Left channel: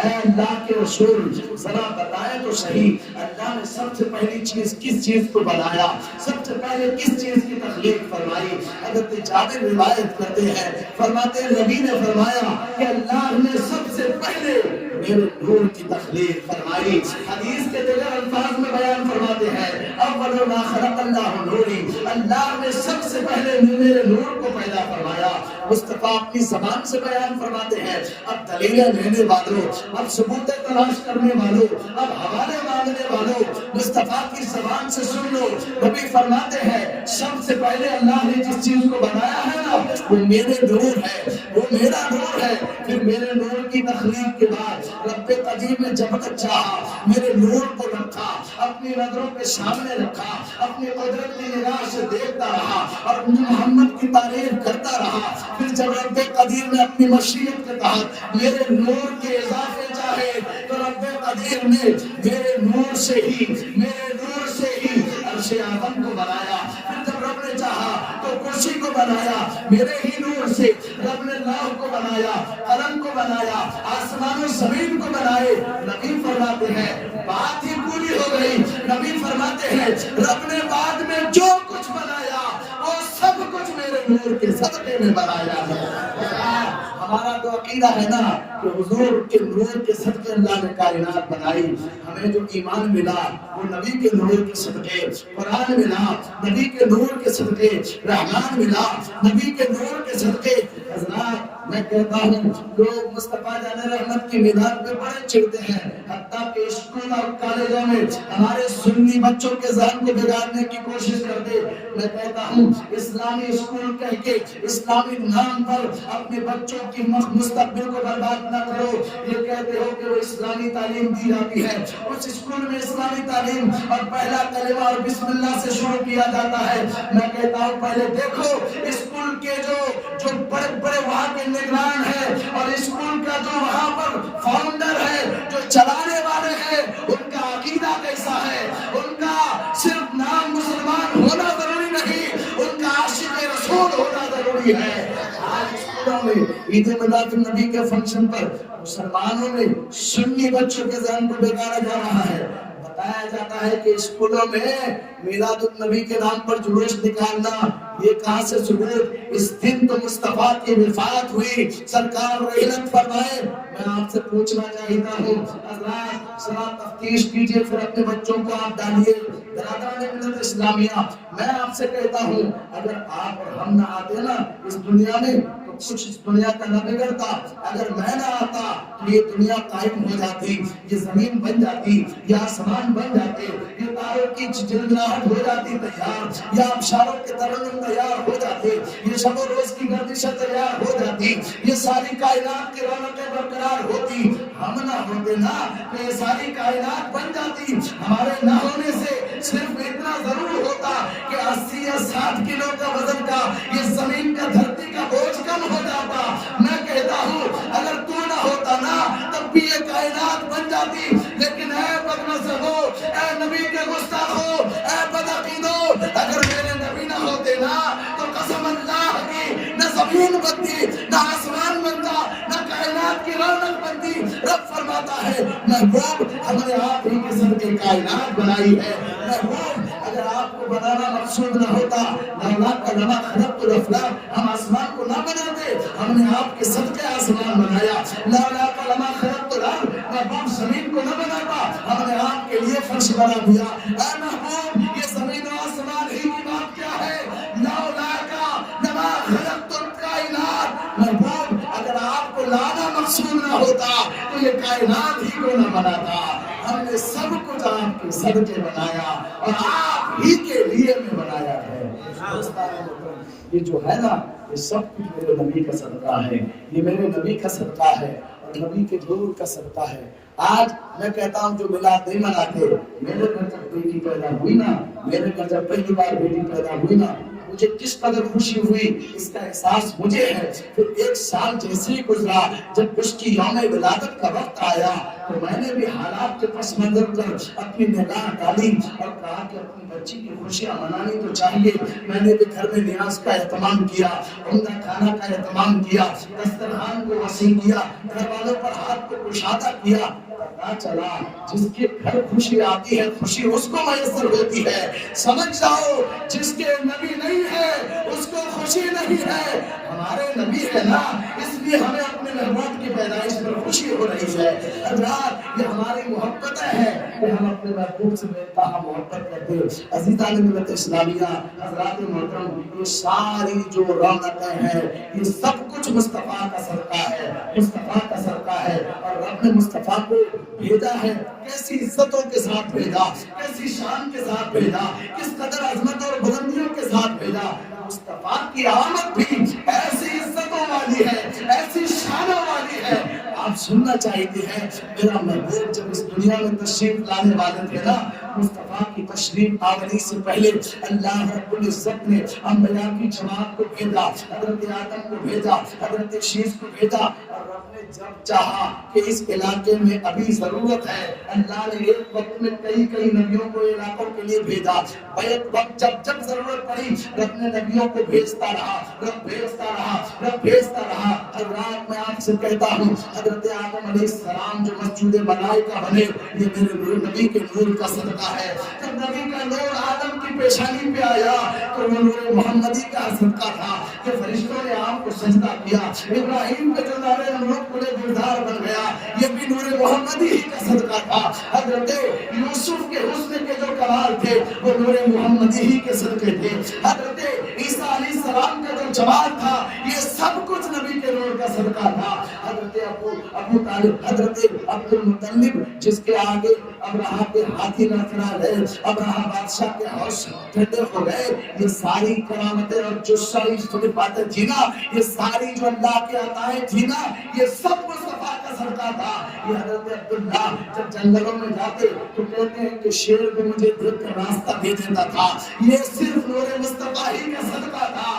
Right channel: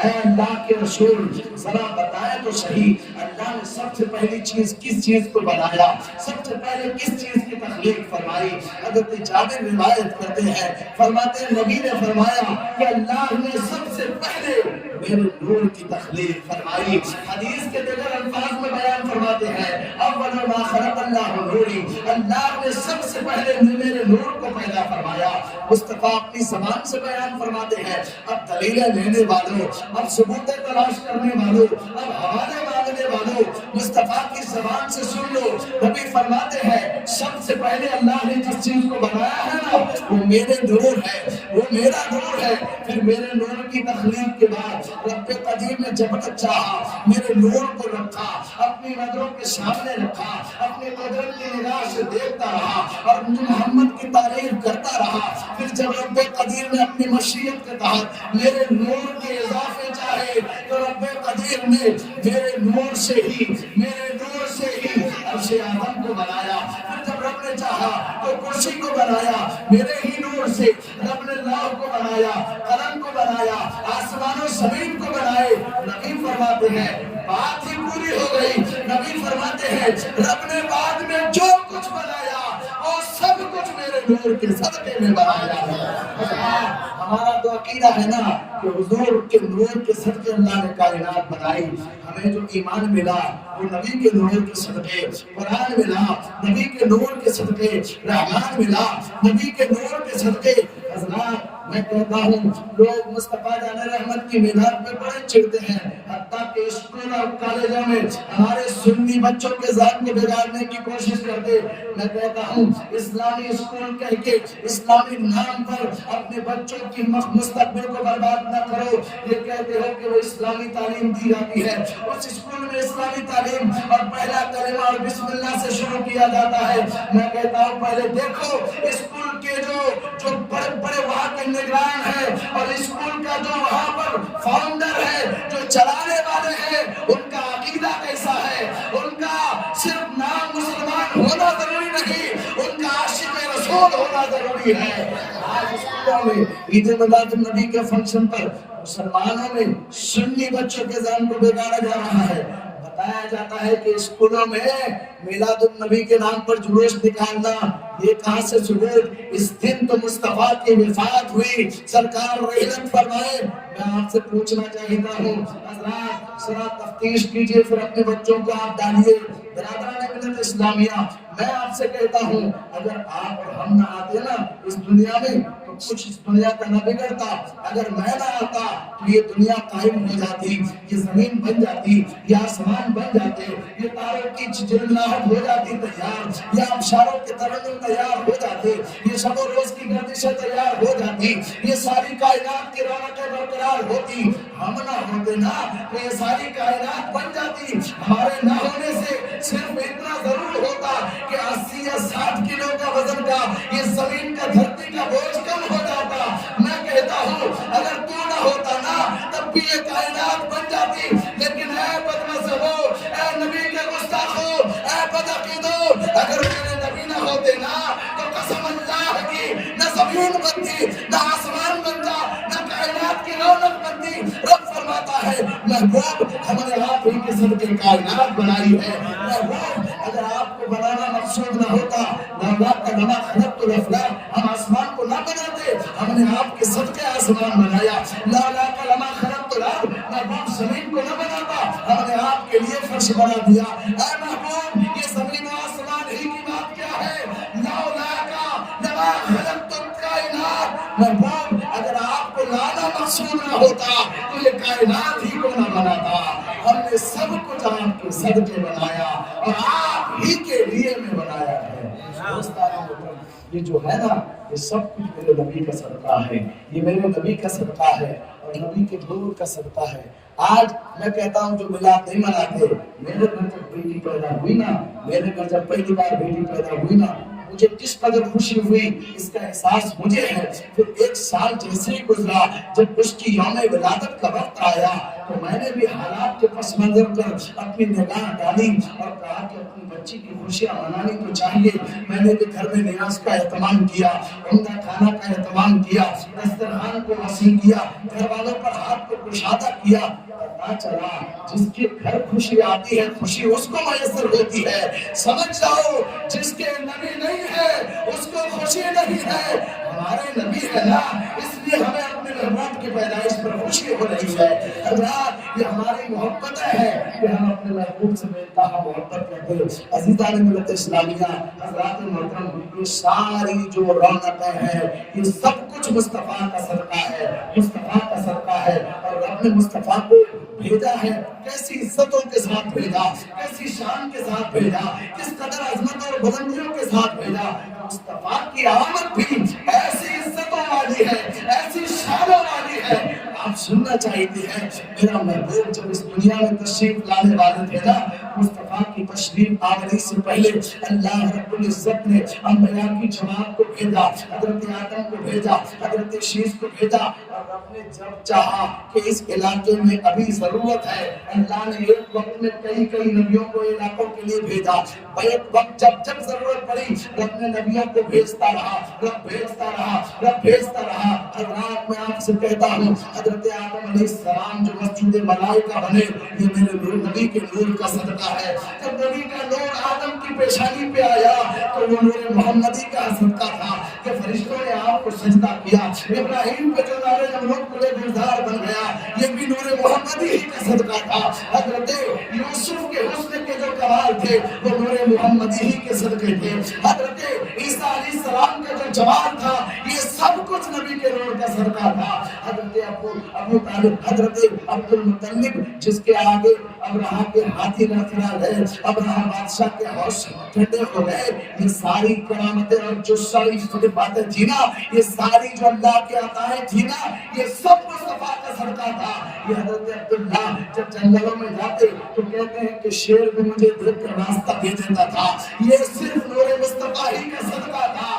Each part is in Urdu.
اے اللہ کے رسول ذرا بتائیں تو صحیح اللہ نے سب سے پہلی چیز کس چیز کو بنایا، سب سے پہلے کس چیز کی تخلیق فرمائی؟ حضرت جابر روایت کرتے ہیں، فرماتے ہیں نبی نے فرمایا کہ اللہ نے سب سے پہلے میرے نور کی تخلیق فرمائی۔ حدیث کے دیگر الفاظ میں بیان فرماتے ہیں اول ما خلق اللہ نوری، اللہ نے سب سے پہلے میرے نور کو پیدا فرمایا۔ مصطفیٰ اپنی زبان سے بیان فرماتے ہیں، اب دلیلیں لینے والوں، اب ثبوتیں تلاش کرنے والوں، اب حوالے مانگنے والوں، مصطفیٰ کی زبان سے سن لو۔ نبی فرماتے ہیں سب سے پہلے اللہ نے جس چیز کو بنایا ہے نا وہ میرے نور ہے، وہ میرا نور ہے۔ پھر میرے نور کی تخلیق کے بعد رب قدیر نے جب تک چاہا میرے نور کو رکھا، اپنی نظروں کے سامنے رکھا، اپنی قدرت کی نگاہ سے دیکھتا رہا اور محمد کی تعریف کرتا رہا۔ پھر جب رب قدیر نے اپنی مشیت کے تحت میرے نور کے اضافے چاہے تو رب قدیر نے میرے نور سے ہی عرش اعظم کو بنایا۔ پھر جب رب نے چاہا تو کرسی کو بنایا میرے ہی نور سے، رب نے لوح کو بنایا، قلم کو بنایا، آسمان و زمین کو بنائے۔ نبی فرماتے ہیں بات ہی پوری ہو گئی۔ نبی فرماتے ہیں رب نے بعد میں جو کچھ بنایا وہ سب کچھ میرے نور کے صدقے میں بنایا ہے۔ ہمارا تو عقیدہ ہے نا کہ حضور کے نور کے صدقے اللہ نے کائنات بنائی۔ ہمیں جو ایمان ملا وہ نبی کے نور کے صدقے، قرآن ملا نبی کے نور کے صدقے، رحمان ملا نبی کے نور کے صدقے۔ حضرات میں کہتا ہوں لوگ مصطفیٰ جان رحمت کی میلاد میں بڑے چڑھتے ہیں، حتیٰ کہ اسکول اور کالجوں میں ہمارے سنی بچوں کے ذہن کو بگاڑنے کی کوشش کرتے۔ میں کہتا ہوں اسلامی اسکول کہہ کے اسلامی نام پر اپنے بچوں کی مستقبل کو برباد نہ کرو۔ یہ کہتے ہو کہ وہ اسلامی تعلیم دی جاتی ہے، اس اسکول میں اسلامی تعلیم اور پہلا کلمہ اور بسم اللہ سے شروع کیا جاتا ہے۔ میں کہتا ہوں پہلے دیکھو اسکول کے جو بڑے بڑے وہاں کے نگران ہیں اور اسکول کا جو وہاں پر فاؤنڈر ہے، جو چلانے والے ہیں، ان کا عقیدہ کیسا ہے؟ ان کا صرف نام مسلمان ہونا ضروری نہیں، ان کا عاشق رسول ہونا ضروری ہے۔ آج اسکولوں میں عید میلاد النبی کے فنکشن پر مسلمانوں میں سنی بچوں کے ذہن کو بگاڑا جا رہا ہے۔ بتایا جاتا ہے کہ اسکولوں میں میلاد النبی کے نام پر جلوس نکالنا، یہ کہاں سے ثبوت؟ اس دن تو مصطفیٰ کی وفات ہوئی، سرکار رحلت فرمائے۔ میں آپ سے پوچھنا چاہتا ہوں حضرات ذرا تفتیش کیجئے، پھر اپنے بچوں کو آپ ڈالیے۔ برادران ملت اسلامیہ میں آپ سے کہتا ہوں اگر آپ اور ہم نہ آتے نا اس دنیا میں تو کچھ اس دنیا کا نہ بگڑتا۔ اگر میں نہ آتا تو یہ دنیا قائم ہو جاتی، یہ زمین بن جاتی، یہ آسمان بن جاتے، یہ تاروں کی جلجلاہٹ ہو جاتی تیار، یہ آبشاروں کے ترنم تیار ہو جاتے، یہ شب و روز کی گردشیں تیار ہو جاتی، یہ ساری کائنات کی رونقیں برقرار ہوتی۔ ہم نہ ہوتے نا تو یہ ساری کائنات بن جاتی۔ ہمارے نہ ہونے سے صرف اتنا ضرور ہوتا کہ 80 یا 60 کلو کا وزن کا یہ زمین کا دھرتی کا بوجھ کم ہو جاتا۔ میں کہتا ہوں اگر تو نہ ہوتا نا تب بھی یہ کائنات بن جاتی۔ لیکن اے بدمذہبو، اے نبی کے گستاخو، اے بدعقیدو، اگر میرے نبی نہ ہوتے نا تو قسم اللہ کی نہ زمین بنتی، نہ آسمان بنتا، نہ کائنات کی رونق بنتی۔ رب فرماتا ہے محبوب ہم نے آپ ہی کے صدقے کائنات بنائی ہے۔ محبوب اگر آپ کو بنانا مقصود نہ ہوتا لما خلقت الافلاک، ہم آسمان کو نہ بناتے، ہم نے آپ کے صدقے آسمان بنایا۔ لما خلقت الارض، محبوب زمین کو نہ بناتا، ہم نے آپ کے لیے فرش بنا دیا۔ اے محبوب یہ زمین و آسمان ہی کی بات کیا ہے؟ لما خلقت الکائنات، محبوب اگر آپ کو لانا مقصود نہ ہوتا تو یہ کائنات ہی کو نہ بناتا۔ ہم نے سب کچھ آپ کے صدقے بنایا اور آپ ہی کے لیے میں بنایا ہے۔ یہ جو ہے نا یہ سب کچھ میرے نبی کا صدقہ ہے، یہ میرے نبی کا صدقہ ہے اور نبی کے نور کا صدقہ ہے۔ آج میں کہتا ہوں جو میلاد نہیں مناتے، میرے گھر جب بیٹی پیدا ہوئی نا، میرے گھر جب پہلی بار بیٹی پیدا ہوئی نا، مجھے کس قدر خوشی ہوئی اس کا احساس مجھے ہے۔ پھر 1 سال جیسے ہی گزرا، جب اس کی یوم ولادت کا وقت آیا تو میں نے بھی حالات کے پس منظر پر اپنی نگاہ ڈالی اور کہا کہ اپنی بچی کی خوشیاں منانی تو چاہیے۔ میں نے بھی گھر میں نیاز کا اہتمام کیا، عمدہ کھانا کا اہتمام کیا، دسترخوان کو وسیع کیا، گھر والوں پر ہاتھ کو کشادہ کیا۔ پتا چلا جس کے گھر خوشی آتی ہے خوشی اس کو میسر ہوتی ہے۔ سمجھ جاؤ جس کے نبی نہیں ہے اس کو خوشی نہیں ہے۔ ہمارے نبی ہے نا، اس لیے ہمیں اپنے محبوب کی پیدائش پر خوشی ہو رہی ہے۔ حضرات یہ ہماری محبت ہے کہ ہم اپنے محبوب سے بےانتہا محبت کرتے ہیں۔ عزیزان ملت اسلامیہ، حضرات محترم، یہ ساری جو رونقیں ہیں یہ سب کچھ مصطفیٰ کا صدقہ ہے، مصطفیٰ کا صدقہ ہے۔ اور رب نے مصطفیٰ کو بھیجا ہے، کیسی عزتوں کے ساتھ بھیجا، کیسی شان کے ساتھ بھیجا، کس قدر عظمت اور بلندیوں کے ساتھ بھیجا۔ مصطفیٰ کی آمد بھی ایسی عزتوں والی ہے، ایسی شانوں والی ہے۔ آپ سننا چاہتے ہیں میرا محبوب جب اس دنیا میں تشریف لانے والے تھے نا، مصطفیٰ کی تشریف آوری سے پہلے اللہ رب العزت نے انبیاء کی جماعت کو بھیجا، حضرت آدم کو بھیجا، حضرت شیش کو بھیجا، اور رب نے جب چاہا کہ اس علاقے میں ابھی ضرورت ہے، اللہ نے ایک وقت میں کئی نبیوں کو علاقوں کے لیے بھیجا۔ ایک وقت جب ضرورت پڑی رب نے نبیوں کو بھیجتا رہا، رب بھیجتا رہا، رب بھیجتا رہا۔ حضرات میں آپ سے کہتا ہوں حضرت آدم علیہ السلام جو مسجود ملائکہ بنے یہ میرے نبی کے نور کا صدقہ ہے۔ جب نبی کا نور آدم کی پیشانی پہ آیا تو وہ نور محمدی کا صدقہ تھا کہ فرشتوں نے آپ کو سجدہ کیا۔ ابراہیم کے جو نارے نمرود کلے گلزار بن گیا یہ بھی نور محمدی ہی کا صدقہ تھا۔ حضرت یوسف کے حسن کے جو کمال تھے وہ نور محمدی ہی کے صدقے تھے۔ حضرت عیسیٰ علیہ السلام کا جو جمال تھا یہ سب کچھ نبی کے نور کا صدقہ تھا۔ حضرت ابو طالب، حضرت عبد المطلب جس کے آگے ابرہہ کے ہاتھی نہ چلا گئے، ابرہہ بادشاہ کے ہوش ٹھنڈے ہو گئے، یہ ساری کرامتیں اور جو ساری باتیں تھی نا، یہ ساری جو اللہ کے عطائیں تھی نا، یہ سب مصطفیٰ کا صدقہ تھا۔ یہ حضرت عبداللہ جب جنگلوں میں جاتے تو کہتے ہیں کہ شیر بھی مجھے دیکھ کر راستہ دے دیتا تھا، یہ صرف نور مصطفیٰ ہی کا صدقہ تھا۔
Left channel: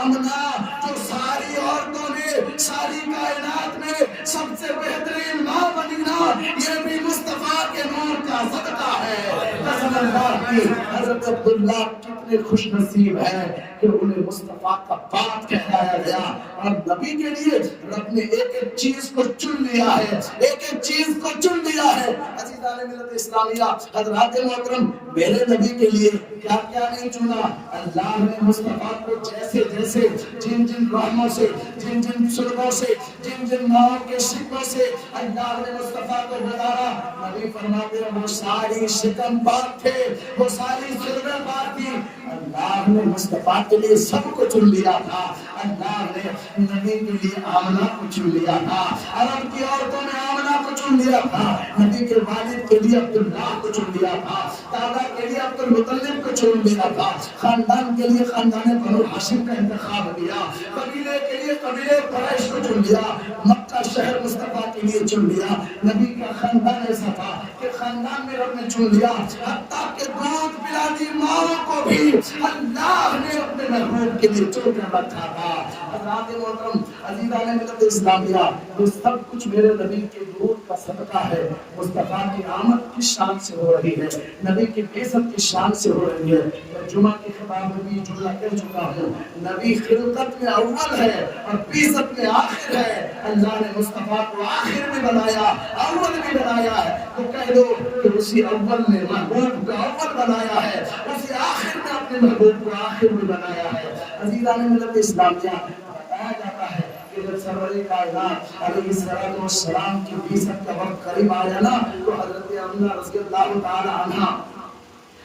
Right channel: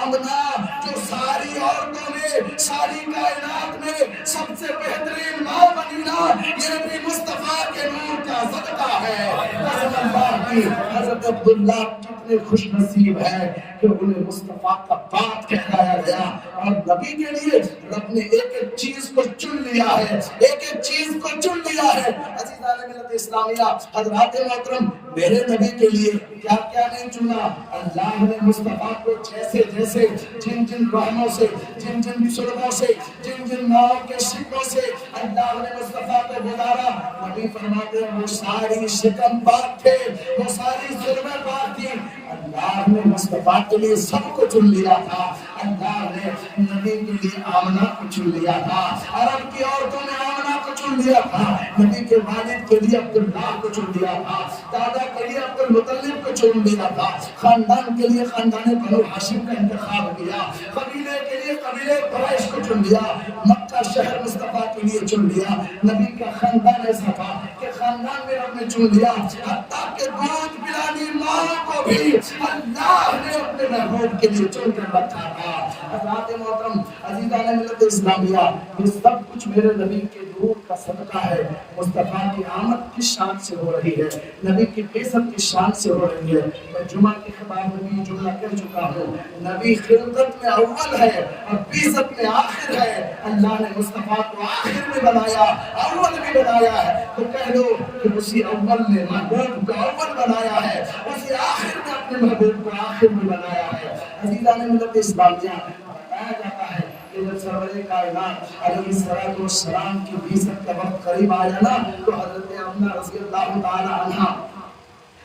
آمنہ جو ساری عورتوں نے ساری کائنات میں سب سے بہترین ماں بنی نا، یہ بھی مصطفیٰ کے نور کا صدقہ ہے۔ قسم اللہ کی حضرت عبداللہ کتنے خوش نصیب ہے کہ انہیں مصطفیٰ کا باپ کہلایا گیا۔ اور نبی کے لیے رب نے ایک ایک چیز کو چن لیا ہے، ایک ایک چیز کو چن لیا ہے۔ عزیزان ملت اسلامیہ، حضرات محترم، میرے نبی کے لیے کیا کیا نہیں چنا؟ اللہ نے مصطفیٰ کو جیسے جیسے جن رحموں سے، جن سلموں سے، جن ناؤں کے شکوں سے اللہ نے مصطفیٰ کو گزارا، نبی فرماتے ہیں وہ ساری شکم پاک تھے، وہ ساری سلمیں پاک تھی۔ اللہ نے مصطفیٰ کے لیے سب کو چن لیا تھا۔ اللہ نے نبی کے لیے آمنہ کو چن لیا تھا، عرب کی عورتوں نے آمنہ کو چن لیا تھا، نبی کے والد کے لیے عبداللہ کو چن لیا تھا، دادا کے لیے عبد المطلب کو چن لیا تھا، خاندان کے لیے خاندان بنو ہاشم کا انتخاب کیا، قبیلے کے لیے قبیلے قریش کو چن لیا، مکہ شہر مصطفیٰ کے لیے چن لیا۔ نبی کا خاندان ایسا تھا کہ خاندان میں رب نے چن لیا، حتیٰ کہ دودھ پلانے ماں کو بھی اللہ نے اپنے محبوب کے لیے چن کر رکھا تھا۔ حضرات محترم، عزیزان ملت اسلامیہ، یہ سب کچھ میرے نبی کے نور کا صدقہ ہے۔ مصطفیٰ کی آمد کس شان سے ہو رہی ہے؟ نبی کی بعثت کس شان سے ہو رہی ہے؟ میں جمعہ کی خطاب میں بھی جملہ کر چکا ہوں، نبی خلقت میں اول ہے اور بعثت میں آخر ہے۔ اللہ نے مصطفیٰ کو آخر میں بنایا، اول میں بنایا ہے، تو کہہ دو کہ اسی اول نے محبوب کو اول بنایا ہے، اسی آخر میں اپنے محبوب کو آخر میں بنایا ہے۔ عزیزان ملت اسلامیہ، بتایا جاتا ہے کہ جب سرور کائنات علیہ السلام کی بعثت کا وقت قریب آیا نا، تو حضرت آمنہ رضی اللہ تعالی عنہ،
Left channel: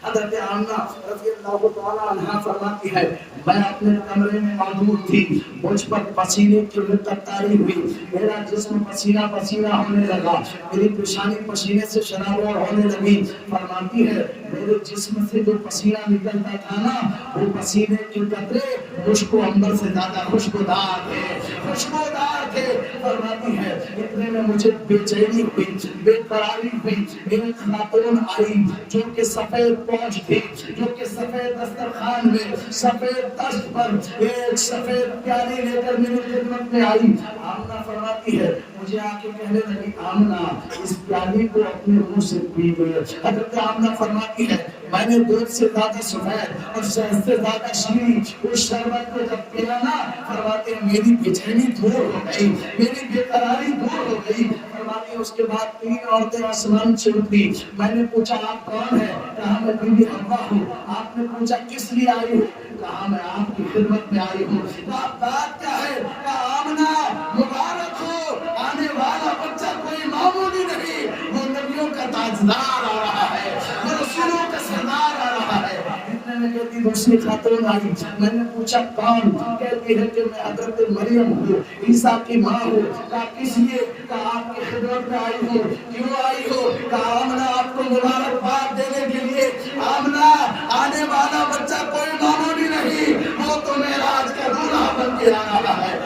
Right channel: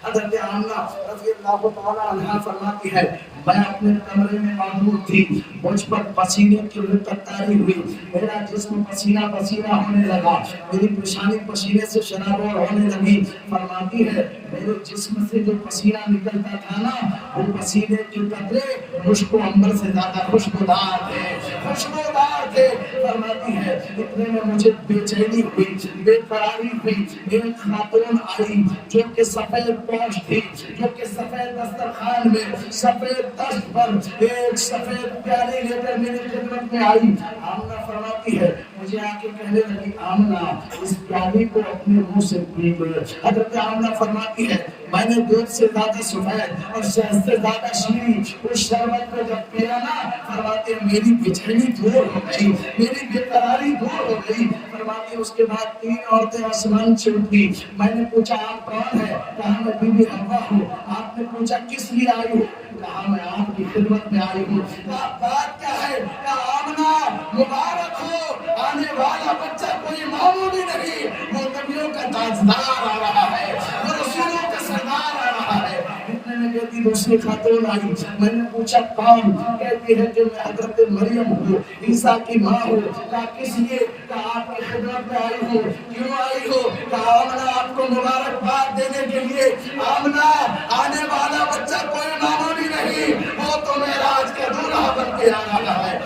حضرت آمنہ رضی اللہ تعالی عنہ فرماتی ہے میں اپنے کمرے میں موجود تھی، مجھ پر پسینے کی رقت طاری ہوئی، میرا جسم پسینہ پسینہ ہونے لگا، میری پیشانی پسینے سے شرابور ہونے لگی۔ فرماتی ہے میرے جسم سے جو پسینہ نکلتا تھا نا، وہ پسینے کے قطرے مشک و عنبر سے زیادہ خوشبودار تھے۔ خوشبودار تھے. فرماتی ہے اتنے میں مجھے بے چینی ہوئی, بے قراری ہوئی. ایک خاتون آئی جو کہ سفید پوش تھی, جو کہ سفید دسترخوان میں سفید تخت پر ایک سفید پیالی لے کر میری خدمت میں آئی. آمنہ فرماتی ہے مجھے آ کے کہنے لگی آمنہ اس پیالی کو اپنے منہ سے پی گئی. حضرت آمنہ فرماتی ہے میں نے دودھ سے زیادہ سفید اور شہد سے زیادہ شیریں اس شربت کو جب پیا نا, فرماتے ہیں میری بے چینی دور ہو گئی, میری بے قراری دور ہو گئی. فرماتے اس کے بعد 3 عورتیں آسمان سے اتری. میں نے پوچھا آپ کون ہیں؟ کہا میں بی بی حوا ہوں. آپ نے پوچھا کس لیے آئی ہو؟ کہا میں آپ کی خدمت میں آئی ہوں. آپ بات کیا ہے؟ کہا آمنہ مبارک ہو, آنے والا بچہ کوئی معمولی نہیں, وہ نبیوں کا تاجدار آ رہا ہے, وہ رسولوں کا سردار آ رہا ہے. اتنے میں کہتی دوسری خاتون آئی. میں نے پوچھا کون؟ کہتی ہے کہ میں حضرت مریم ہوں, عیسیٰ کی ماں ہوں. کہا کس لیے؟ کہا آپ کی خدمت میں آئی ہوں. کیوں آئی ہو؟ کہا آمنہ آپ کو مبارکباد دینے کے لیے. آمنہ آنے والا بچہ کوئی معمولی نہیں, وہ تو معراج کا دولہا بن کے آ رہا ہے.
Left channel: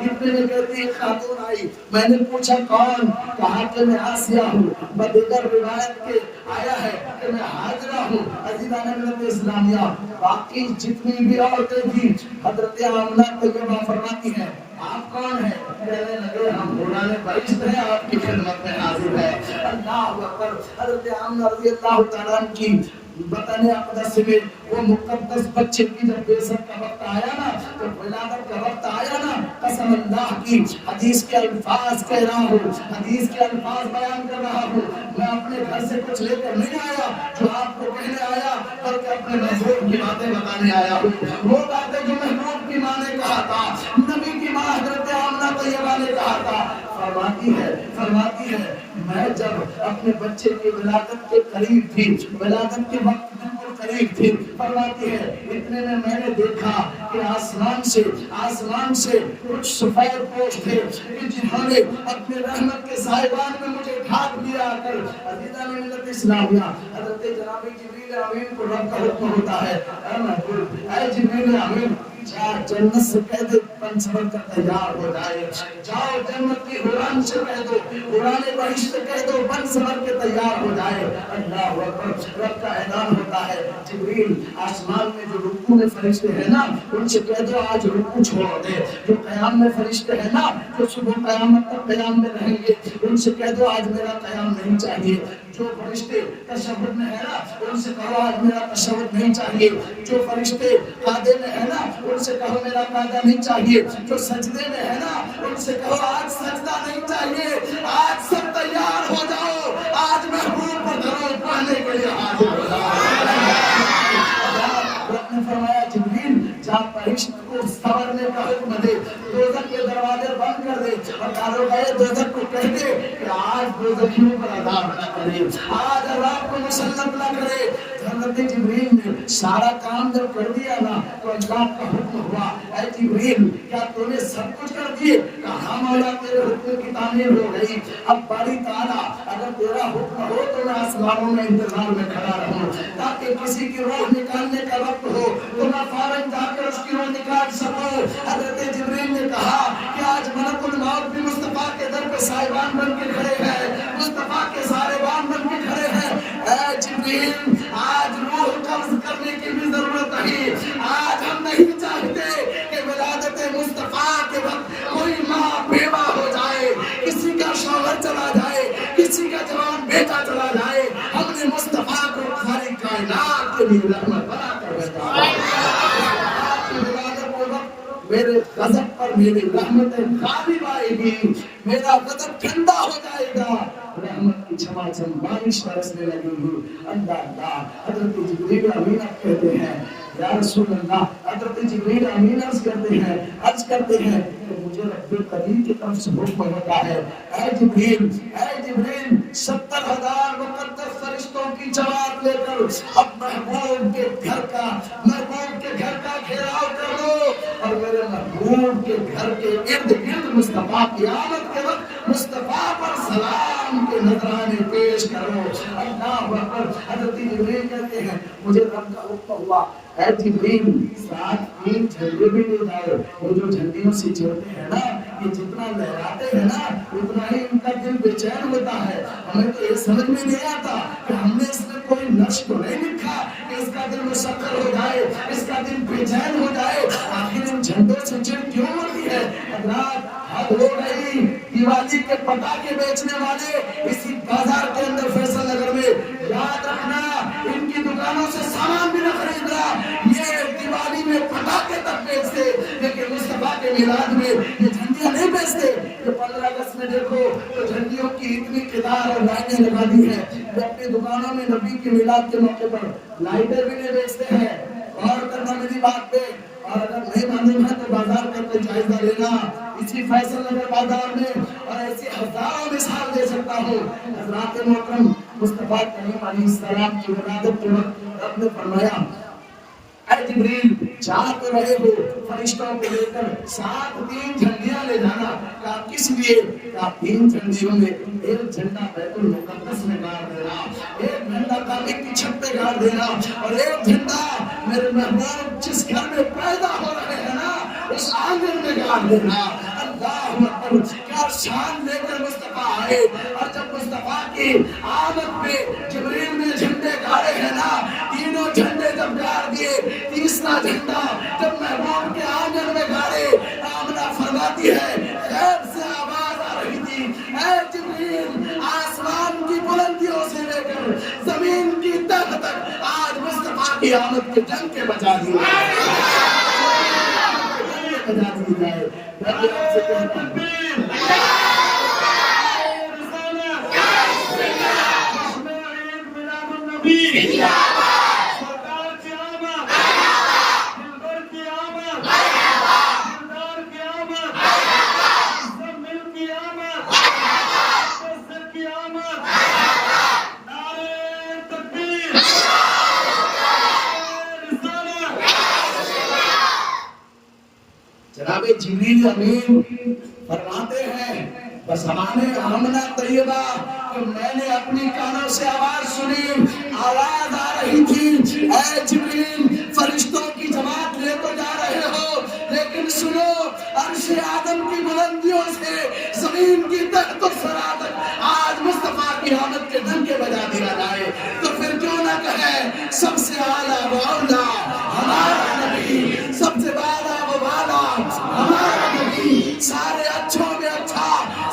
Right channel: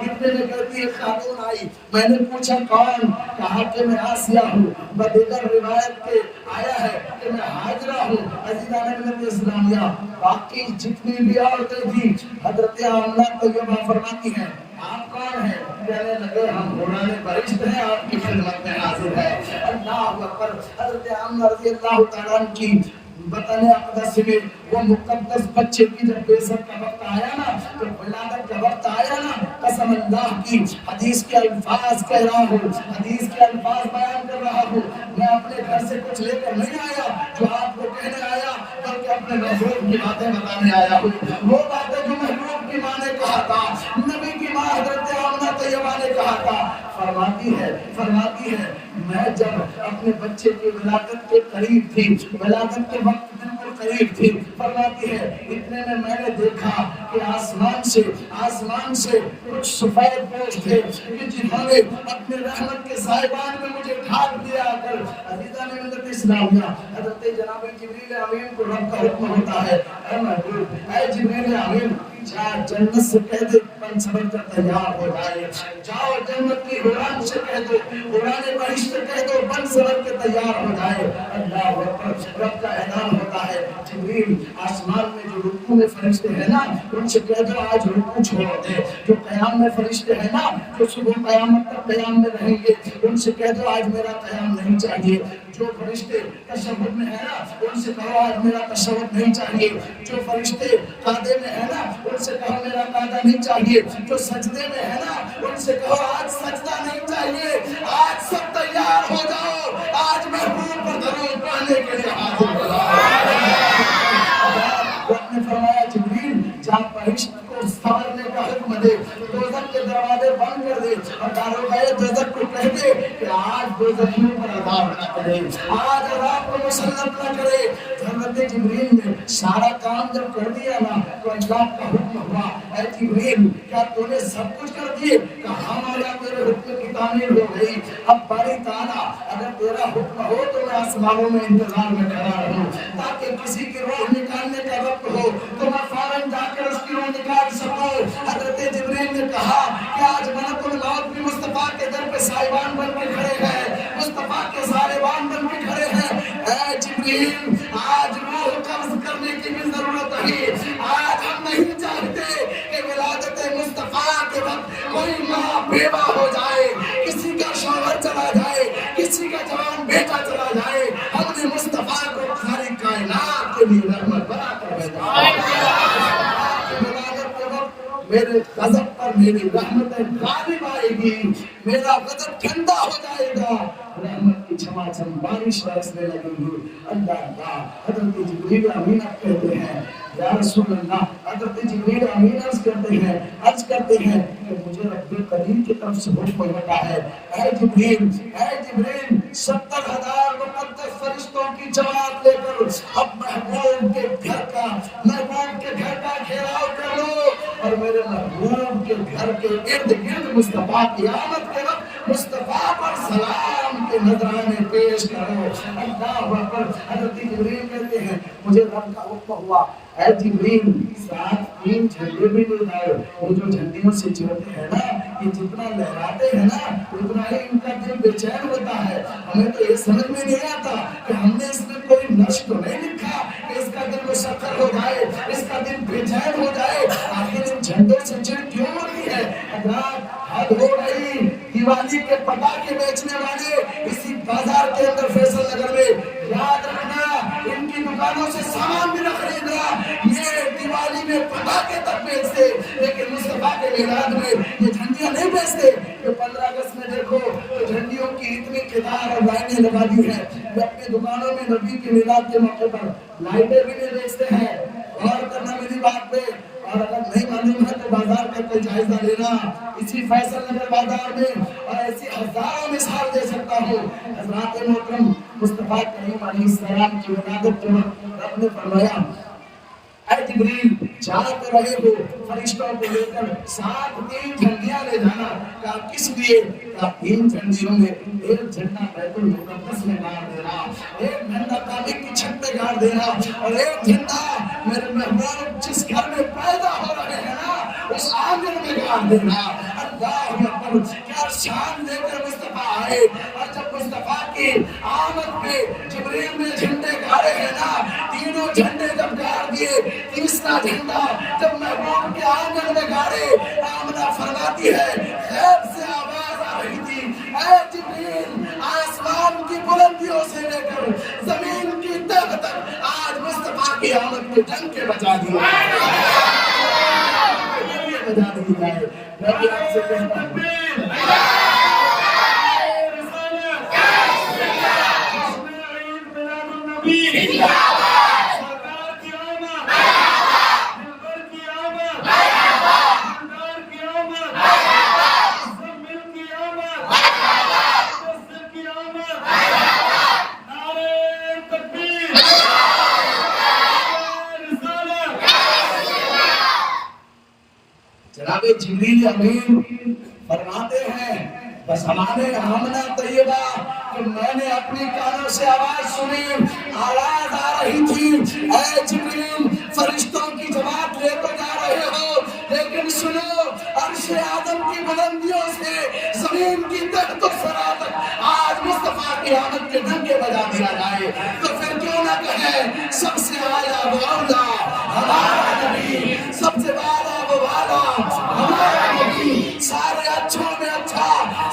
اتنے میں کہتی ہے خاتون آئی. میں نے پوچھا کون؟ کہا کہ میں آسیہ ہوں. بدیگر روایت کے آیا ہے کہ میں حاجرہ ہوں. عزیزان ملت اسلامیہ, باقی جتنی بھی عورتیں تھیں حضرت آمنہ طیبہ فرماتی ہیں آپ کون ہیں؟ کہنے لگے ہم قرآن فرشت ہیں, آپ کی خدمت میں حاضر ہے. اللہ اکبر. حضرت آمنہ رضی اللہ تعالیٰ عنہ کی وطن اقدس میں وہ مقدس بچے کی جب بیسٹ کا وقت آیا نا, تو ولادت کا وقت آیا نا, قسم اللہ کی حدیث کے الفاظ کہہ رہا ہوں, حدیث کے الفاظ بیان کر رہا ہوں. میں اپنے گھر سے کچھ لے کر نہیں آیا جو آپ کو کہنے آیا, بلکہ اپنے محبوب کی باتیں بتانے آیا ہوں. وہ باتیں جو محبوب کی ماں نے کہا تھا, نبی کی ماں حضرت آمنہ طیبہ نے کہا تھا. فرماتی ہے میں جب اپنے بچے کی ولادت کے قریب تھی, ولادت کے وقت بالکل قریب تھی, فرماتی ہے اتنے میں نے دیکھا کہ آسمان سے کچھ سفید پوش تھے جنہوں نے اپنے رحمت کے صاحبان میں مجھے ڈھانپ لیا کر. عزیزان ملت اسلامیہ, حضرت جناب جبریل امین کو رب کا حکم ہوتا ہے اے محبوب, اے جبریل امین جا جنت سے کہہ دے بن سبر کر تیار ہو جائے. جاؤ جنت کی حوران سے کہہ دو, حوران بہشت سے کہہ دو بن سبر کے تیار ہو جائے. اللہ اکبر. رب کا اعلان ہوتا ہے جبریل آسمان میں جو رکوع میں فرشتے ہیں نا ان سے کہہ دو آج رکوع چھوڑ دے. جو قیام میں فرشتے ہیں نا جو صبح قیامت تک قیام میں رہیں گے ان سے کہہ دو آج میرا قیام نہیں چاہیے. جو فرشتے تشہد میں ہیں نا ان سے کہو آج میرا تشہد نہیں چاہیے. جو فرشتے قعدے میں ہیں نا ان سے کہو میرا قعدہ نہیں چاہیے. جو سجدے میں ہے نا ان سے کہو آج سجدہ نہیں چاہیے. آج سب تیار ہو جاؤ, آج محبوب پر دھرو پانے کے لیے حاضر ہو جاؤ. نے فرمایا جبریل جا فرشت کو سنبھالنے کا حکم دے, دوزخ کے دروازے بند کر دے اور داروغہ دوزخ کو کہہ دے کہ آج دوزخیوں پر عذاب نہ کرے, آج عذاب کو مسلط نہ کرے. حضرت جبریل نے سارا کام جب کر دیا نا تو اللہ کا حکم ہوا اے جبریل کیا تو نے سب کچھ کر دیے؟ کہا مولا تیرے حکم کی تعمیر ہو گئی. اب باری تعالیٰ اگر تیرا حکم ہو تو میں آسمانوں میں انتظار میں کھڑا رہوں تاکہ کسی کی روح نکالنے کا وقت ہو تو میں فوراً جا کر اس کی روح نکال سکوں. حضرت جبریل نے کہا کہ آج ملک الموت بھی مصطفیٰ کے در پہ سائبان بن کے کھڑے ہیں, مصطفیٰ کے سائبان بن کے کھڑے ہیں. اے جبریل آج روح قبض کرنے کی بھی ضرورت نہیں. آج ہم نہیں چاہتے کہ ولادت مصطفیٰ کے وقت کوئی ماں بیوہ ہو جائے, کسی کا شوہر چلا جائے, کسی کا جوان بیٹا چلا جائے. ہم نے مصطفیٰ کو ساری کائنات کے لیے رحمت بنا کر بھیجا. میرے غضب پر میری رحمتیں غالب آئے گی, میرا غضب ٹھنڈا ہو جائے گا, رحمت کی چھماچم بارش برسنے لگے گی. اللہ اللہ. حضرت جبریل امین کہتے ہیں یا رسول اللہ, حضرت جبریل امین عرض کرتے ہیں کہ مجھے رب قدیر کی طرف سے حکم ہوتا ہے اے جبریل 70,000 مقدس فرشتوں کی جماعت لے کر اب محبوب کے گھر کا گھیراؤ کر لو اور میرے محبوب کے گھر کے ارد گرد مصطفیٰ کی آمد کے وقت مصطفیٰ پر سلام کے نذرانے پیش کرو. اللہ اکبر. حضرت جبریل کہتے ہیں مجھے رب کا حکم ہوا اے جبریل ساتھ تین جھنڈے بھی لے جائے. وہ جو جھنڈیوں سے چلتے ہیں نا، یہ جتنا لہراتے ہیں نا اتنا ہی ان کا دل بے چین ہوتا ہے. ہمیں تو یہ سمجھ میں نہیں آتا کہ ہم نے اس میں کوئی نقش تو نہیں لکھا کہ اس کا دل مسکر ہو جائے، اس کا دل بے چین ہو جائے. آخر ان جھنڈوں سے چڑ کیوں ہوتی ہے؟ حضرات حد ہو گئی. دیوالی کے پٹاخے بیچنے والے اسی بازار کے اندر فیصل نگر میں، یاد رکھنا ان کی دکانوں سے سامان بھی نہ خریدنا. یہ دیوالی میں پٹاخے تک بیچتے لیکن مصطفیٰ کے میلاد میں یہ جھنڈیاں نہیں بیچتے. یہ 15 اگست میں دیکھو تو جھنڈیوں کی اتنی قطار اور لائنیں لگا دی ہیں. وہ اپنی دکانوں میں نبی کے میلاد کے موقع پر لائٹیں بھی نہیں بیچتے ہیں. اور کرنا میری بات پہ، اور اگر نہیں معلوم ہے تو بازار کا کوئی جائزہ لینا. اسی فیصل نگر بازار میں اور ایسی ہزاروں مثال دے سکتا ہوں. حضرات محترم، مصطفیٰ کریم علیہ السلام کی ولادت کے وقت رب نے فرمایا اے جبریل جا کر رہے ہو فرشتوں کو لے کر ساتھ 3 جھنڈیاں لے جانا. کہا کس لیے؟ کہا 3 جھنڈیوں میں ایک جھنڈا بیت المقدس میں گاڑ دینا، ایک جھنڈا کعبے کی چھت پہ گاڑ دینا، اور ایک جھنڈا میرے محبوب جس گھر میں پیدا ہو رہے ہیں نا اس آنگن میں گاڑ دینا. اللہ اکبر، کیا شان لے کر مصطفیٰ آئے. اور جب مصطفیٰ کی آمد پہ جبریل نے جھنڈے گاڑے ہیں نا، تینوں جھنڈے جب گاڑ دیے، تیسرا جھنڈا جب محبوب کے آنگن میں گاڑے، آمنہ فرماتی ہے خیر سے آواز آ رہی تھی اے جبریل آسمان کی بلندیوں سے لے کر زمین کی تہ تک آج مصطفیٰ کی آمد کے جنگ کے بجا دیا بجا دی جائے. میں بھی آپ سے کہتا ہوں جناب جبریل امین فرماتے ہیں بس ہمارے آمنہ طیبہ کہ میں نے اپنی کانوں سے آواز سنی، آواز آ رہی تھی اے جبریل فرشتوں کی جماعت لے کر جا رہے ہو، لیکن سنو عرش آدم کی بلندیوں سے زمین کی تحت و ثری تک آج مصطفیٰ کی آمد کے ڈنکے بجا دیا جائے. تو پھر کیوں نہ کہیں سب سے اعلیٰ و اولیٰ ہمارا نبی، سب سے بالا و بالا ہمارا نبی، سارے اچھوں میں اچھا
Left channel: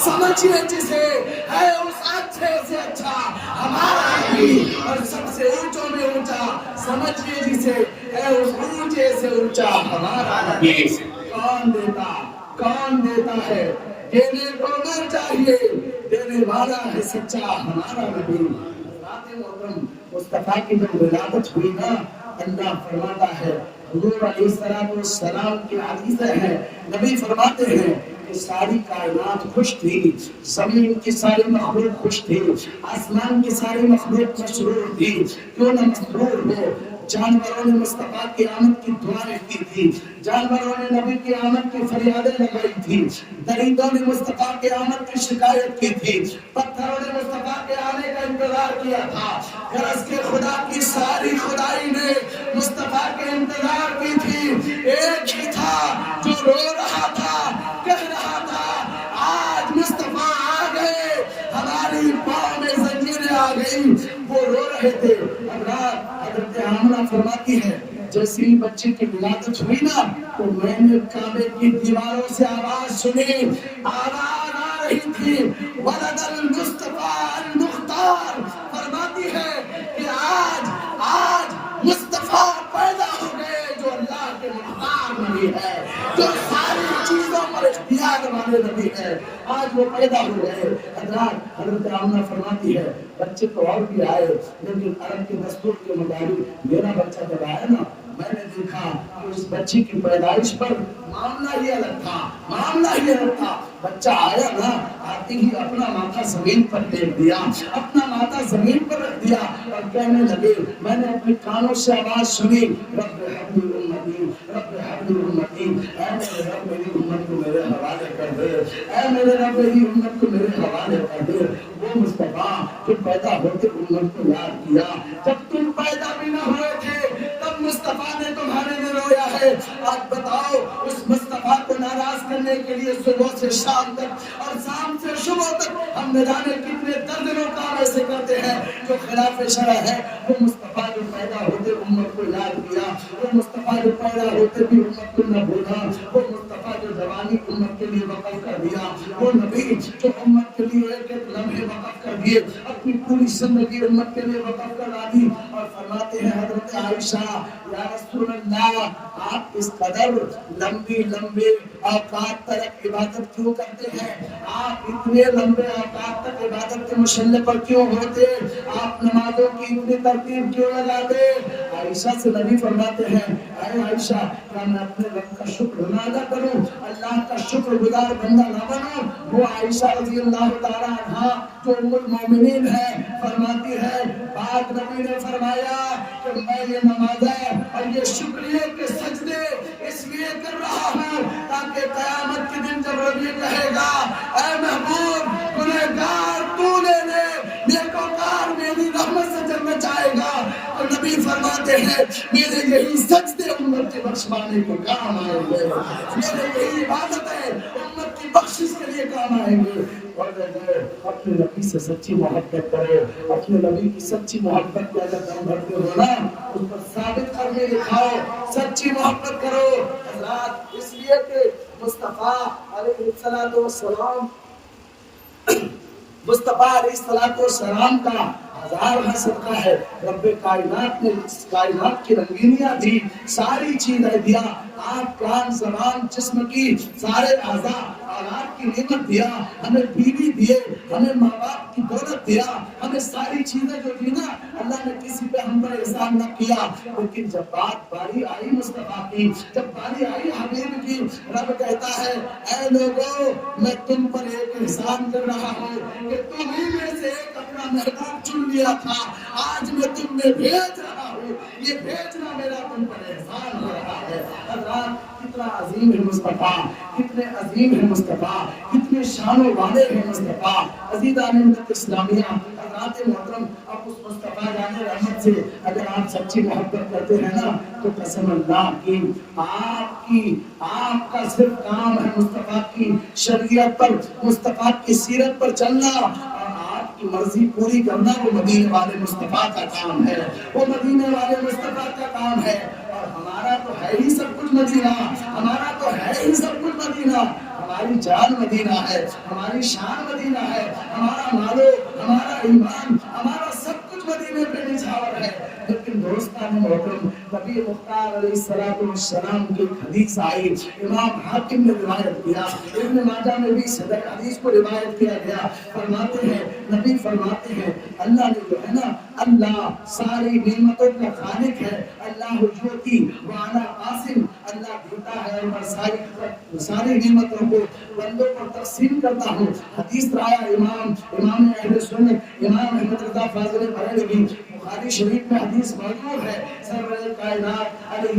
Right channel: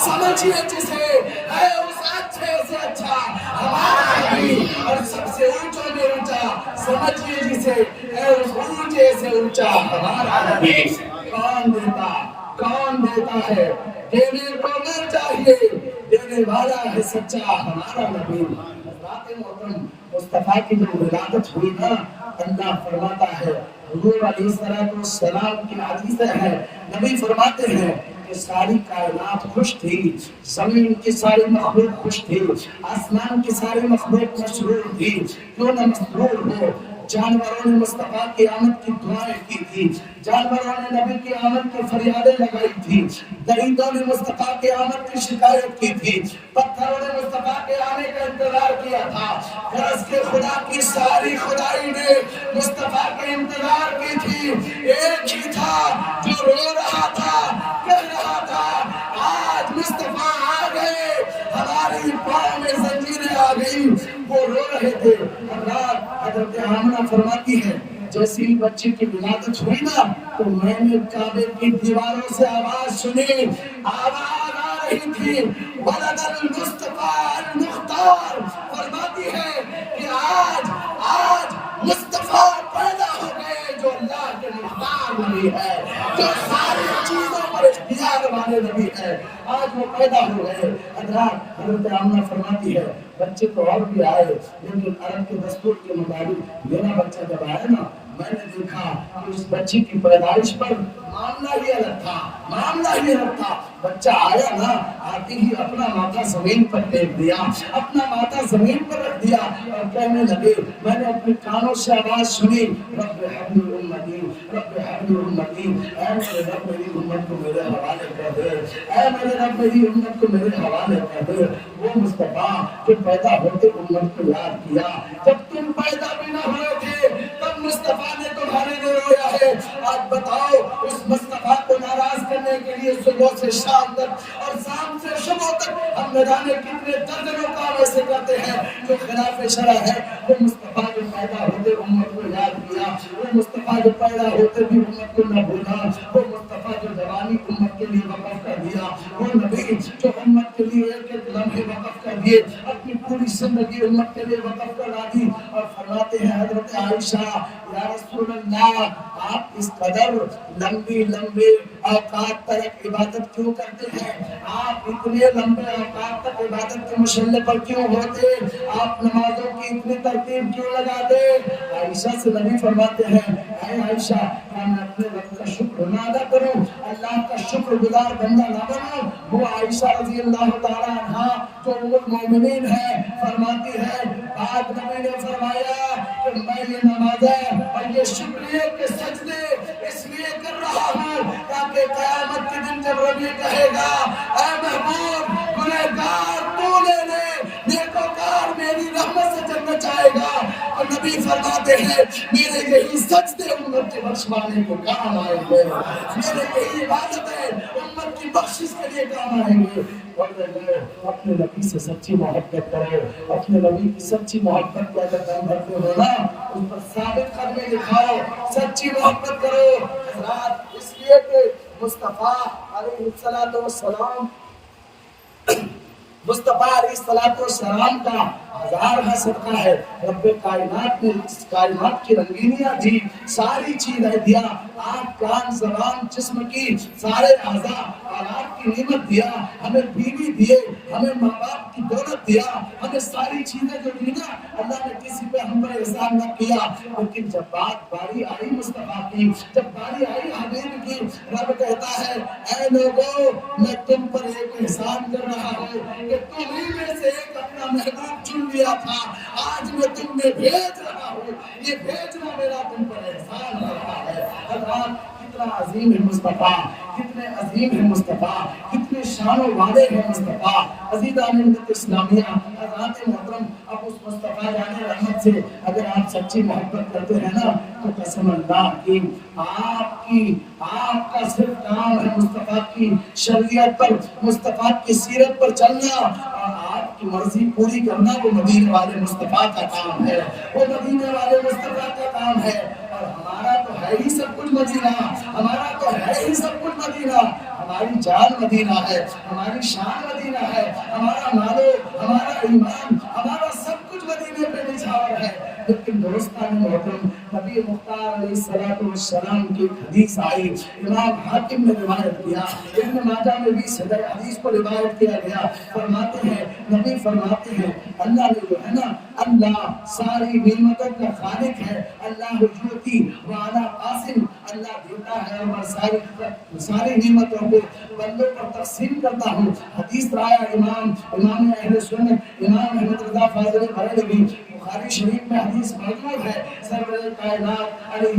سمجھیے جسے ہے اس اچھے سے اچھا ہمارا نبی، اور سب سے اونچوں میں اونچا سمجھیے جسے ہے اس اونچے سے اونچا ہمارا نبی. کون دیتا ہے؟ دینے کو نہ چاہیے، دینے والا ہے سچا ہمارا نبی. حضرات محترم، مصطفیٰ کی جو ولادت ہوئی نا، اللہ فرماتا ہے حضور علیہ السلام کی حدیث ہے، نبی فرماتے ہیں کہ ساری کائنات خوش تھی، زمین کی ساری مخلوق خوش تھی، آسمان کی ساری مخلوق مسرور تھی. کیوں نہ مسرور ہو؟ جانوروں نے مصطفیٰ کی آمد کی دعائیں کی تھی، جانوروں نے نبی کی آمد کی فریادیں لگائی تھی، درندوں نے مصطفیٰ کی آمد کی شکایت کی تھی، پتھروں نے مصطفیٰ کے آنے کا انتظار کیا تھا. غرض کے خدا کی ساری خدائی نے مصطفیٰ کے انتظار کی تھی. ایک ہی تھا جو رو رہا تھا، کہہ رہا تھا آج مصطفیٰ آ گئے، ہماری پاؤں میں زنجیریں آ گئی. وہ رو رہے تھے. حضرت آمنہ فرماتی ہے جیسے ہی بچے کی ولادت ہوئی نا تو میں نے کعبے کی دیواروں سے آواز سنی، آواز آ رہی تھی ولد المصطفیٰ المختار. فرماتی ہے کہ آج مصطفیٰ پیدا ہو گئے جو اللہ کے مختار نبی ہے، جو ساری چیزوں پر اختیار والے نبی ہے، آج وہ پیدا ہو گئے. حضرت آمنہ فرماتی ہے بچے تو اور بھی آئے لیکن عرب کے دستور کے مطابق میرا بچہ جب آیا نا میں نے دیکھا کہ اس بچے کی پیدائش پر معاملہ ہی الگ تھا. بچہ آیا نا، آتے ہی اپنا ماتھا زمین پر ٹیک دیا، اپنا ماتھا زمین پر رکھ دیا اور کہنے لگے، میں نے اپنے کانوں سے آواز سنی رب حبل امتی، رب حبل امتی، اے میرے رب میری امت کو میرے حوالے کر دے، اے میرے رب میری امت کو میرے حوالے کر دے. وہ مصطفیٰ جو پیدا ہوتے امت کو یاد کیا، جب تم پیدا بھی نہ ہوئے تھے تب مصطفیٰ نے تمہارے لیے رویا ہے. آج بتاؤ اس مصطفیٰ کو ناراض کرنے کے لیے صبح سے شام تک اور شام سے صبح تک ہم نہ جانے کتنے درجنوں کام ایسے کرتے ہیں جو خلاف شرع ہے. وہ مصطفیٰ جو پیدا ہوتے امت کو یاد کیا, وہ مصطفیٰ جو پیدا ہوتے بھی امت کو نہ بھولا, وہ مصطفیٰ جو جوانی امت کے لیے وقف کر دیا, وہ نبی جو امت کے لیے ایک ایک لمحے وقف کر دیے, اپنی پوری زندگی امت کے لیے وقف کر ڈالی. اور فرماتے ہیں حضرت عائشہ, یا رسول اللہ آپ اس قدر لمبے اوقات تک عبادت کیوں کرتے ہیں؟ آپ اتنے لمبے اوقات تک عبادت کے مشغلے پر کیوں ہوتے؟ آپ نمازوں کی اتنی ترتیب کیوں لگاتے؟ عائشہ سے نبی فرماتے ہیں, اے عائشہ کیا میں اپنے رب کا شکر نہ ادا کروں, اللہ کا شکر گزار بندہ نہ بنوں؟ وہ عائشہ رضی اللہ تعالیٰ عنہا جو ام المومنین ہے فرماتی ہے, بعد نبی نے فرمایا کہ میں یہ نمازیں اور یہ شکریہ کے سجدے اس لیے کر رہا ہوں تاکہ قیامت کے دن جب ربی کہے گا اے محبوب گنہگار تو نے نیکوکار میری رحمت سے جنت جائے گا, اور نبی فرماتے ہیں میرے یہی سجدے امت کے بخشوانے کو کام آئیں گے, میرے یہی عبادتیں امت کی بخشش کے لیے کام آئیں گے. اپنے نبی سے سچی محبت کرو, اپنے نبی کی سچی محبت کے اگر دم بھرتے ہو نا اس پر ثابت کرنے دکھاؤ, سچی محبت کرو. حضرات اس لیے کہ مصطفیٰ علیہ السلام مصطفیٰ علیہ السلام کا ہزارواں صدقہ ہے. رب کائنات نے کائنات کی رنگینیاں دی, ساری چیزیں دیا, آنکھ کان زبان جسم کی سارے اعضاء آلات کی نعمت دیا, ہمیں بیوی دیے, ہمیں ماں باپ کی دولت دیا, ہمیں ساری چیزیں جو دی نا اللہ نے کسی پہ ہم پر احسان نہ کیا. لیکن جب بات باری آئی مصطفیٰ کی, جب باری آئی حبیب کی, رب کہتا ہے اے لوگو میں تم پر ایک احسان کر رہا ہوں کہ تمہیں میں سے ایک اپنا محبوب چن لیا تھا, آج میں تم میں بھیج رہا ہوں, یہ بھیجنا میرا تم پر احسان ہو رہا ہے. حضرات کتنا عظیم ہے مصطفیٰ, کتنے عظیم ہے مصطفیٰ, کتنے شان و والے ہیں مصطفیٰ. عزیزان ملت اسلامیہ, حضرات محترم, اب اس مصطفیٰ جان رحمت سے اگر آپ سچی محبت کرتے ہیں نا تو قسم اللہ کی آپ کا صرف کام ہے مصطفیٰ کی شریعت پر, مصطفیٰ کی سیرت پر چلنا اور آپ کی مرضی پوری کرنا. وہ مدینے والے مصطفیٰ کا کام ہے, وہ مدینے والے مصطفیٰ کا کام ہے. اور ہمارا تو ہے ہی سب کچھ مدینہ, ہمارا تو ہے ہی سب کچھ مدینہ, ہماری جان مدینہ ہے, ہماری شان مدینہ ہے, ہمارا مالو, ہمارا ایمان, ہمارا سب کچھ مدینے پہ نچھاور ہے. لیکن دوستان محترم, نبی مختار علیہ السلام کی حدیث آئی, امام حاکم نے روایت کیا, ابن ماجہ میں بھی صدر حدیث کو روایت کیا گیا. فرماتے ہیں نبی فرماتے ہیں اللہ نے جو ہے نا, اللہ ساری نعمتوں کا خالق ہے, اللہ یعطی وانا قاسم, اللہ دیتا ہے اور میں ساری نعمتوں کو بندوں پر تقسیم کرتا ہوں. حدیث رایا امام اہل سنت امام احمد رضا فاضل بریلوی, بخاری شریف میں حدیث موجود ہے. سرور کائنات علیہ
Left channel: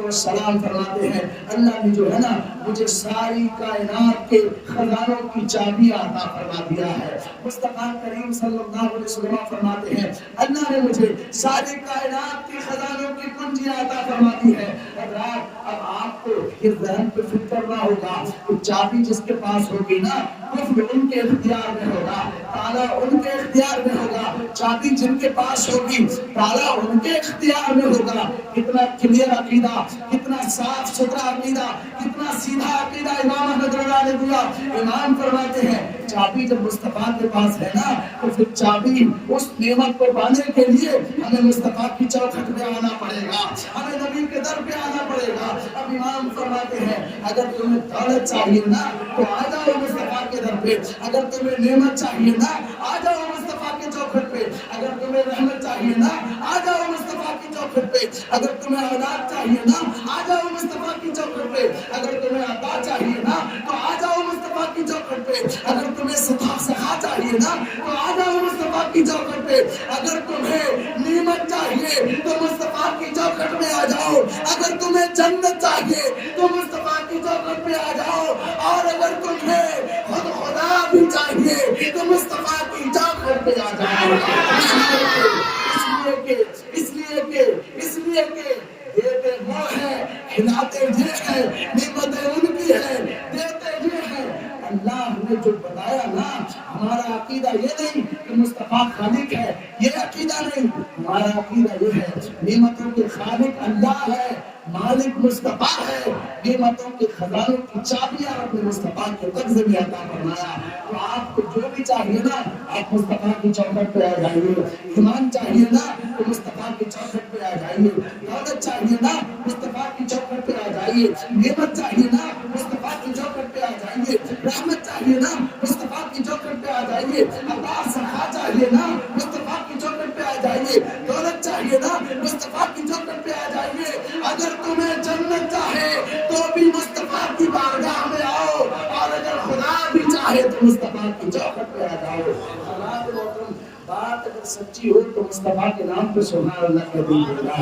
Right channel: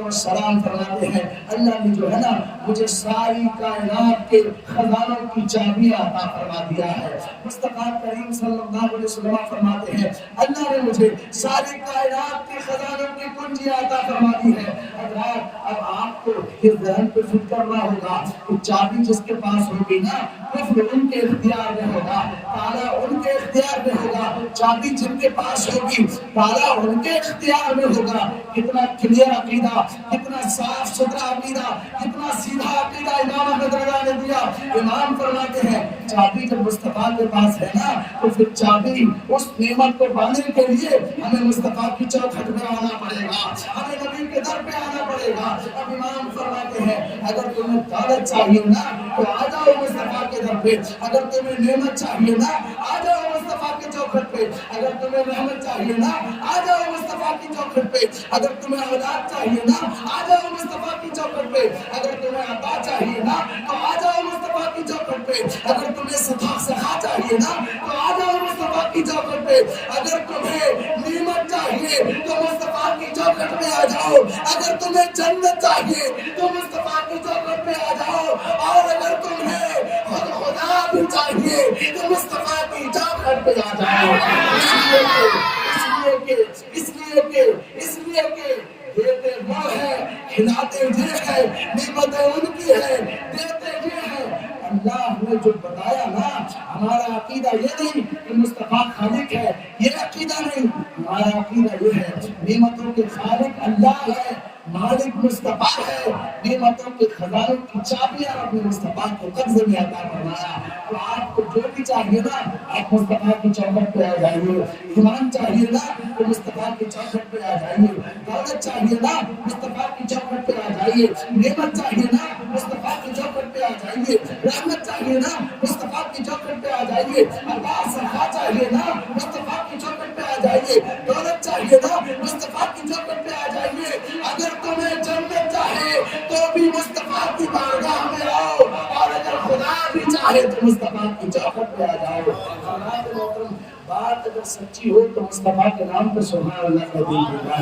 السلام فرماتے ہیں اللہ نے جو ہے نا مجھے ساری کائنات کے خزانوں کی چابیاں عطا فرما دیا ہے. مصطفیٰ کریم صلی اللہ علیہ وسلم فرماتے ہیں اللہ نے مجھے ساری کائنات کے خزانوں کی کنجیاں عطا فرما دی ہے. حضرات اب آپ کو اس ذہن پہ فکر کرنا ہوگا کہ چابی جس کے پاس ہوگی نا قفل ان کے اختیار میں ہوگا, تالا ان کے اختیار میں ہوگا. چابی جن کے پاس ہوگی تالا ان کے اختیار میں ہوگا. کتنا کلیئر عقیدہ, کتنا صاف ستھرا عقیدہ, کتنا سیدھا عقیدہ امام احمد رضا نے دیا. امام فرماتے ہیں چابی جب مصطفیٰ کے پاس ہے نا تو پھر چابی اس نعمت کو پانے کے لیے ہمیں مصطفیٰ کی چوکھٹ میں آنا پڑے گا, ہمیں نبی کے در پہ آنا پڑے گا. اب امام فرماتے ہیں اگر تمہیں دولت چاہیے نا تو آ جاؤ مصطفیٰ کے در پہ, اگر تمہیں نعمت چاہیے نا آ جاؤ مصطفیٰ کے چوکھٹ پہ, اگر تمہیں رحمت چاہیے نا آ جاؤ مصطفیٰ کی چوکھٹ پہ, اگر تمہیں اولاد چاہیے نا آ جاؤ مصطفیٰ کی چوکھٹ پہ, اگر تمہیں عطا چاہیے نا تو آ جاؤ مصطفیٰ کی چوکھٹ پہ, اگر تمہیں سکھا چاہیے نا تو آ جاؤ مصطفیٰ کی چوکھٹ پہ, اگر تمہیں نعمت چاہیے تو مصطفیٰ کی چوکھٹ پہ آ جاؤ, اگر تمہیں جنت چاہیے تو مصطفیٰ کی چوکھٹ پہ آ جاؤ, اور اگر تمہیں خدا بھی چاہیے تو مصطفیٰ کی چوکھٹ پہ آ جاؤ. اس لیے کہ دیتے وہ ہے کھلاتے نے جو بتایا نا، ہمارا عقیدہ یہ نہیں کہ مصطفیٰ خالق ہے، یہ عقیدہ نہیں، ہمارا عقیدہ یہ ہے نعمتوں کے خالق اللہ ہے، مالک مصطفیٰ ہے، نعمتوں کے خزانوں کی چابیاں اپنے مصطفیٰ کے قبضے میں عطا فرمایا۔ تو آپ کو جو بھی چاہیے نا، آپ مصطفیٰ کی چوکھٹ پہ آ جائیے، ایمان چاہیے نا تو مصطفیٰ کی چوکھٹ پہ آ جائیے، دولت چاہیے نا مصطفیٰ کی چوکھٹ پہ آ جائیے، نعمت چاہیے نا مصطفیٰ کی چوکھٹ پہ آ جائیے، رحمت چاہیے نا مصطفیٰ کی چوکھٹ پہ آ جائیے، عطا صفا چاہیے نا مصطفیٰ کی چوکھٹ پہ آ جائیے، دولت چاہیے نا مصطفیٰ کی چوکھٹ پہ آ جائیے۔ اگر تمہیں جنت چاہے تو بھی مصطفیٰ کی بارگاہ میں آؤ، اور اگر خدا بھی چاہے تو مصطفیٰ کی چوکھٹ پہ آ جاؤ۔ جناب محترم، بات اگر سچی ہو تو مصطفیٰ کے نام پہ سبحان اللہ کہہ دیجیے گا۔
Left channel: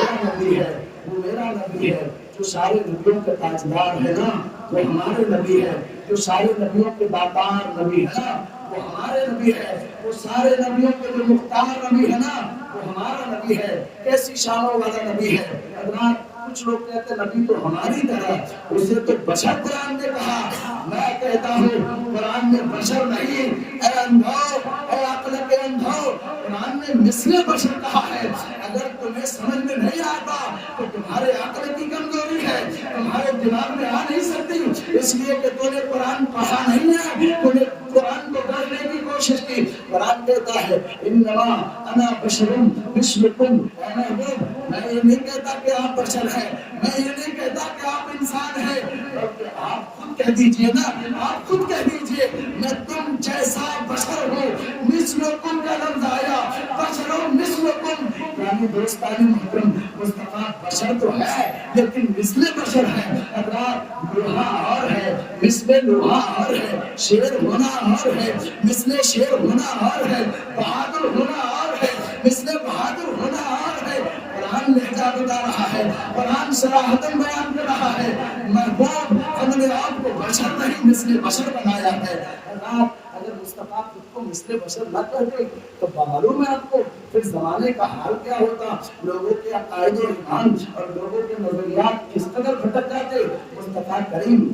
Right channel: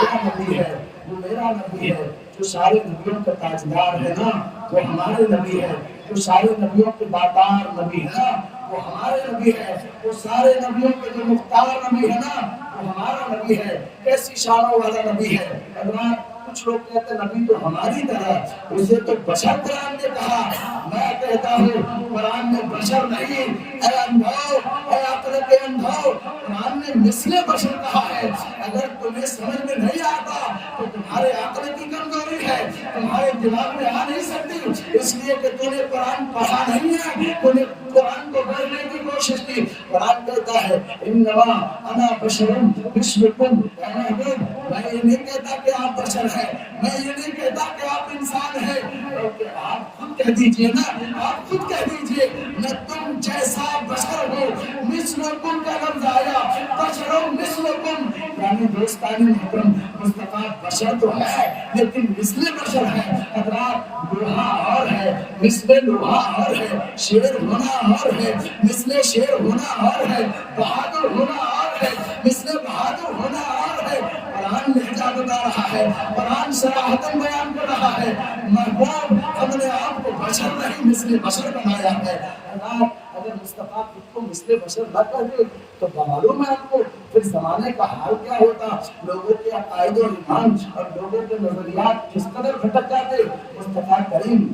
میرا نبی ہے، وہ میرا نبی ہے، جو سارے نبیوں کا تاجدار ہے نا، وہ ہمارے نبی ہے، جو سارے نبیوں کے داتار نبی ہے نا، وہ ہمارے نبی ہے، وہ سارے نبیوں کے جو مختار نبی ہے نا، وہ ہمارا نبی ہے۔ کیسی شانوں والا نبی ہے۔ حضرات، کچھ لوگ کہتے ہیں نبی تو ہماری طرح، اسے تو بشر قرآن نے کہا۔ میں کہتا ہوں قرآن میں بشر نہیں، اے اندھو، اے عقل کے اندھو، قرآن نے مثل بشر کہا ہے۔ اگر تمہیں سمجھ میں نہیں آتا تو تمہارے عقل کی کمزوری ہے، تمہارے دماغ میں آ نہیں سکتی، اس لیے کہ تم نے قرآن پڑھا نہیں ہے، تم نے قرآن کو پڑھنے کی کوشش کی۔ قرآن کہتا ہے انما انا بشر مثلکم، اے محبوب، میں یہ نہیں کہتا کہ آپ بشر ہیں، میں یہ نہیں کہتا کہ آپ انسان ہیں، بلکہ آپ خود کہہ دیجئے نا، آپ خود کہہ دیجئے میں تم جیسا بشر ہوں۔ مثلکم کا لفظ آیا، بشر مثلکم، یعنی دوستان محترم، مصطفیٰ بشر تو ہے لیکن مثل بشر ہے۔ حضرات، لوہا اور ہے، مثل لوہا اور ہے، شیر ہونا اور ہے، مثل شیر ہونا اور ہے، بہادر ہونا اور ہے، مثل بہادر ہونا اور ہے۔ قرآن لہجہ بتا رہا ہے، قرآن صراحتاً بیان کر رہا ہے، محبوب ہم نے آپ کو بشر نہیں مثل بشر بنایا ہے۔ اگر مصطفیٰ خود کو مثل بشر نہ کرتے تو معلوم ہے آپ کو پھر زمانے کا حال کیا ہوتا، لوگوں کے عقائد و ایمان اور لوگوں کے نظریات کس قدر بھٹک جاتے۔ مصطفیٰ کریم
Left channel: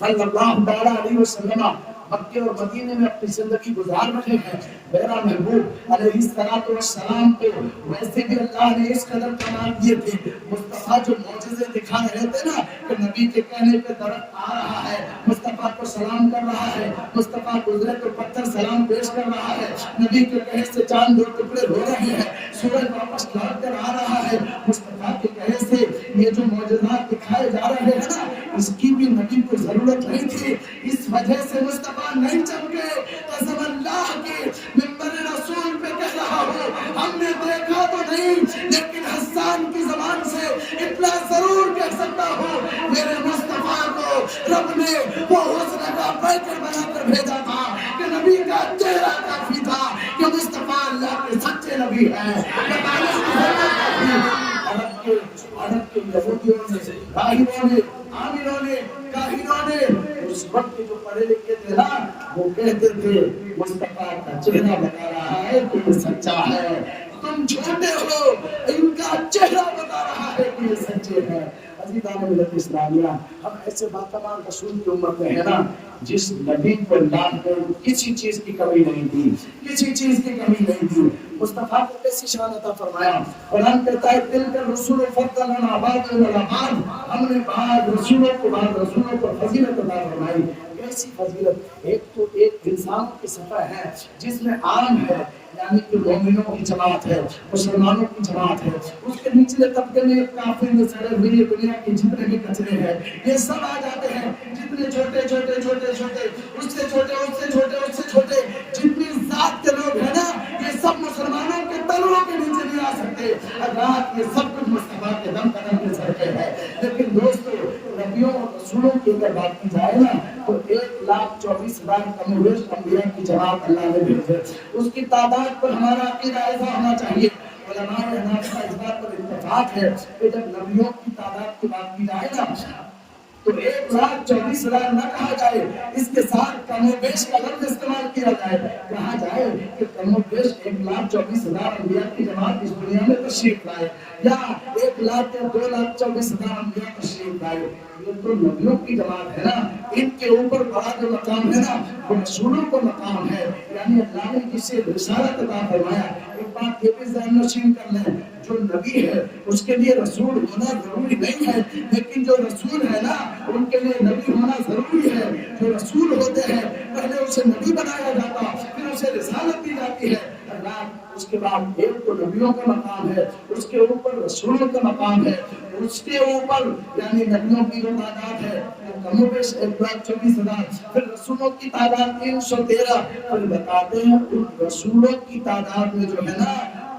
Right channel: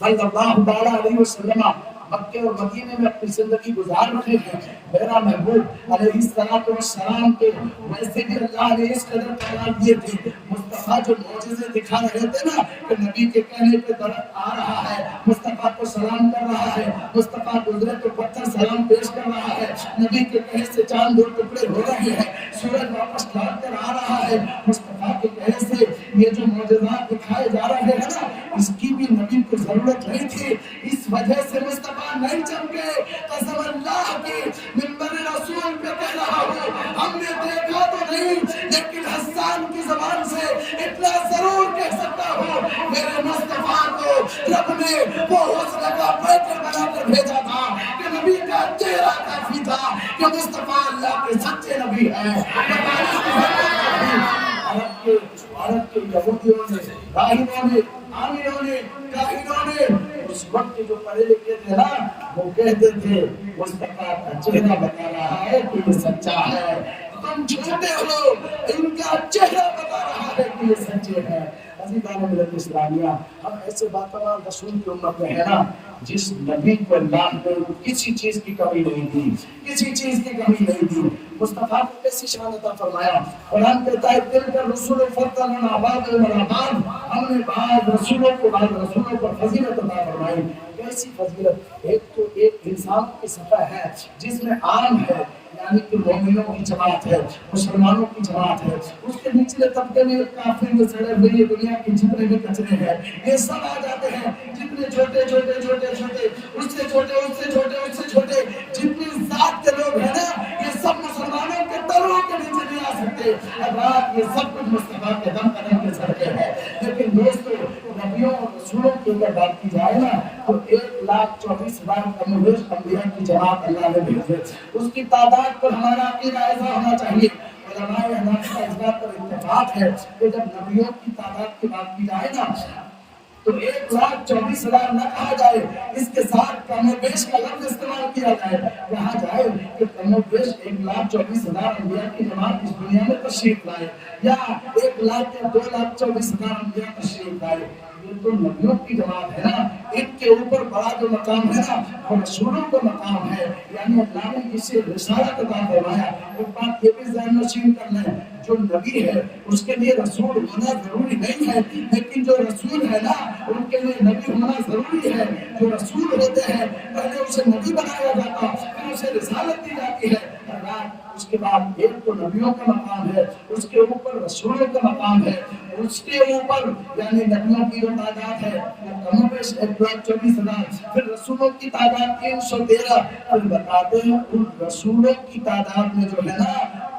صلی اللہ تعالیٰ علیہ وسلم مکے اور مدینے میں اپنی زندگی گزار رہے ہیں۔ میرا محبوب علیہ السلام کو ویسے بھی اللہ نے اس قدر کمال دیے تھے۔ مصطفیٰ جو معجزے دکھا رہے تھے نا کہ نبی کے کہنے پہ درخت آ رہا ہے، مصطفیٰ کو سلام کر رہا ہے، مصطفیٰ گزرے تو پتھر سلام پیش کر رہا ہے، نبی کے کہنے سے چاند دو ٹکڑے ہو رہے ہیں، سورج واپس لوٹ کر آ رہا ہے۔ مصطفیٰ کے کہنے سے یہ جو معجزات دکھائے جا رہے ہیں نا، اس کی بھی نبی کو ضرورت نہیں تھی۔ اس وجہ سے مصطفیٰ نہیں چمکے۔ قسم اللہ کی منبر رسول پہ کہہ رہا ہوں، ہم نے دیکھا تو نہیں لیکن حسان کی زبان سے اتنا ضرور کہہ سکتا ہوں، میرے مصطفیٰ کو رب نے وہ حسن کا پیکر بنا کر بھیجا تھا کہ نبی کا چہرہ کافی تھا کہ مصطفیٰ اللہ کے سچے نبی ہیں۔ عرب کے یہودیوں نے، راہبوں نے، عاملوں نے، کاہنوں نے، اس وقت جو پڑھے لکھے تھے نا، وہ کہتے تھے مصطفیٰ کا چہرہ بتا رہا ہے کہ یہ سچا ہے، تم جھوٹے ہو، ان کا چہرہ بتا رہا ہے کہ یہ سچے ہیں۔ عزیزان ملت اسلامیہ، ہم ایسے باتمان رسول کی امت میں ہے نا جس نبی کو اللہ نے کسی چیز کی کمی نہیں دی، کسی چیز کی کمی نہیں دی۔ مصطفیٰ کو کیسی شان عطا فرمایا۔ قرآن کہتا ہے تلک الرسل فضلنا بعضهم علی بعض، ہم نے بعض رسولوں کو بعض رسولوں پر فضیلت عطا فرمائی۔ کیسی فضیلت؟ ایک تو ایک انسان کی صفحہ ہے جس میں عام ہے، یعنی کہ مومنوں کی جماعت ہے، مسلمانوں کی جماعت ہے، اس کے نچلے طبقے میں کافر یہ سڑے ہوئے یہ دنیا کے جتنے بھی کچرے ہیں یہ سب آ جاتے ہیں، جتنے چھوٹے چھوٹے چھوٹے چھوٹے اس سے چھوٹے اس سے چھوٹے اس سے چھوٹے جتنی ذات کے لوگ ہیں نا، یہ سب مسلمانوں کے تلووں کے نیچے نہیں آ سکتے۔ رات یہ سب کچھ مصطفیٰ کے دم قدم کے سر پہ ہے۔ لیکن دوستو، نبیوں اور رسولوں کی اگر بات کی جائے نا تو 1,24,000 کم و بیش انبیاء کی جماعت اللہ نے بھیجے۔ اس کی تعداد پر ہمارا عقیدہ ایسا ہونا چاہیے۔ علماء حنابلہ کا اس بات پر اتفاق ہے کہ جب نبیوں کی تعداد کی بات کی جائے نا تو 1,24,000 نہ کہا جائے، اس کے ساتھ کم و بیش کا لفظ استعمال کیا جائے، کہا جائے کہ کم و بیش 1,24,000 انبیاء کی جماعت اس دنیا میں تشریف لائے، یا 1 لاکھ یا 2,24,000 انبیاء تشریف لائے۔ یہ تو نبیوں کی جماعت ہے نا، ان کے اوپر بڑا جو مقام ہے نا وہ رسولوں کا مقام ہے. یعنی اللہ نے جسے رسالت عطا فرمایا. ایک بات یہ بھی ذہن نشین کر لیں، جو نبی ہے اس کے لیے رسول ہونا ضروری نہیں ہے، لیکن جو رسول ہے نا ان کے لیے نبی ہونا ضروری ہے. جو رسول ہوتے ہیں پہلے اسے نبی بنایا جاتا، پھر اسے رسالت دی جاتی ہے. اس کے بعد ایک تو نبیوں کا مقام ہے، اس کے اوپر رسولوں کا مقام ہے، اس کے اوپر یعنی نبیوں کی جو تعداد ہے وہ کم و بیش 1,24,000، پھر رسولوں کی تعداد 313. پھر بتاتے ہیں ان رسولوں کی تعداد میں جو ہے نا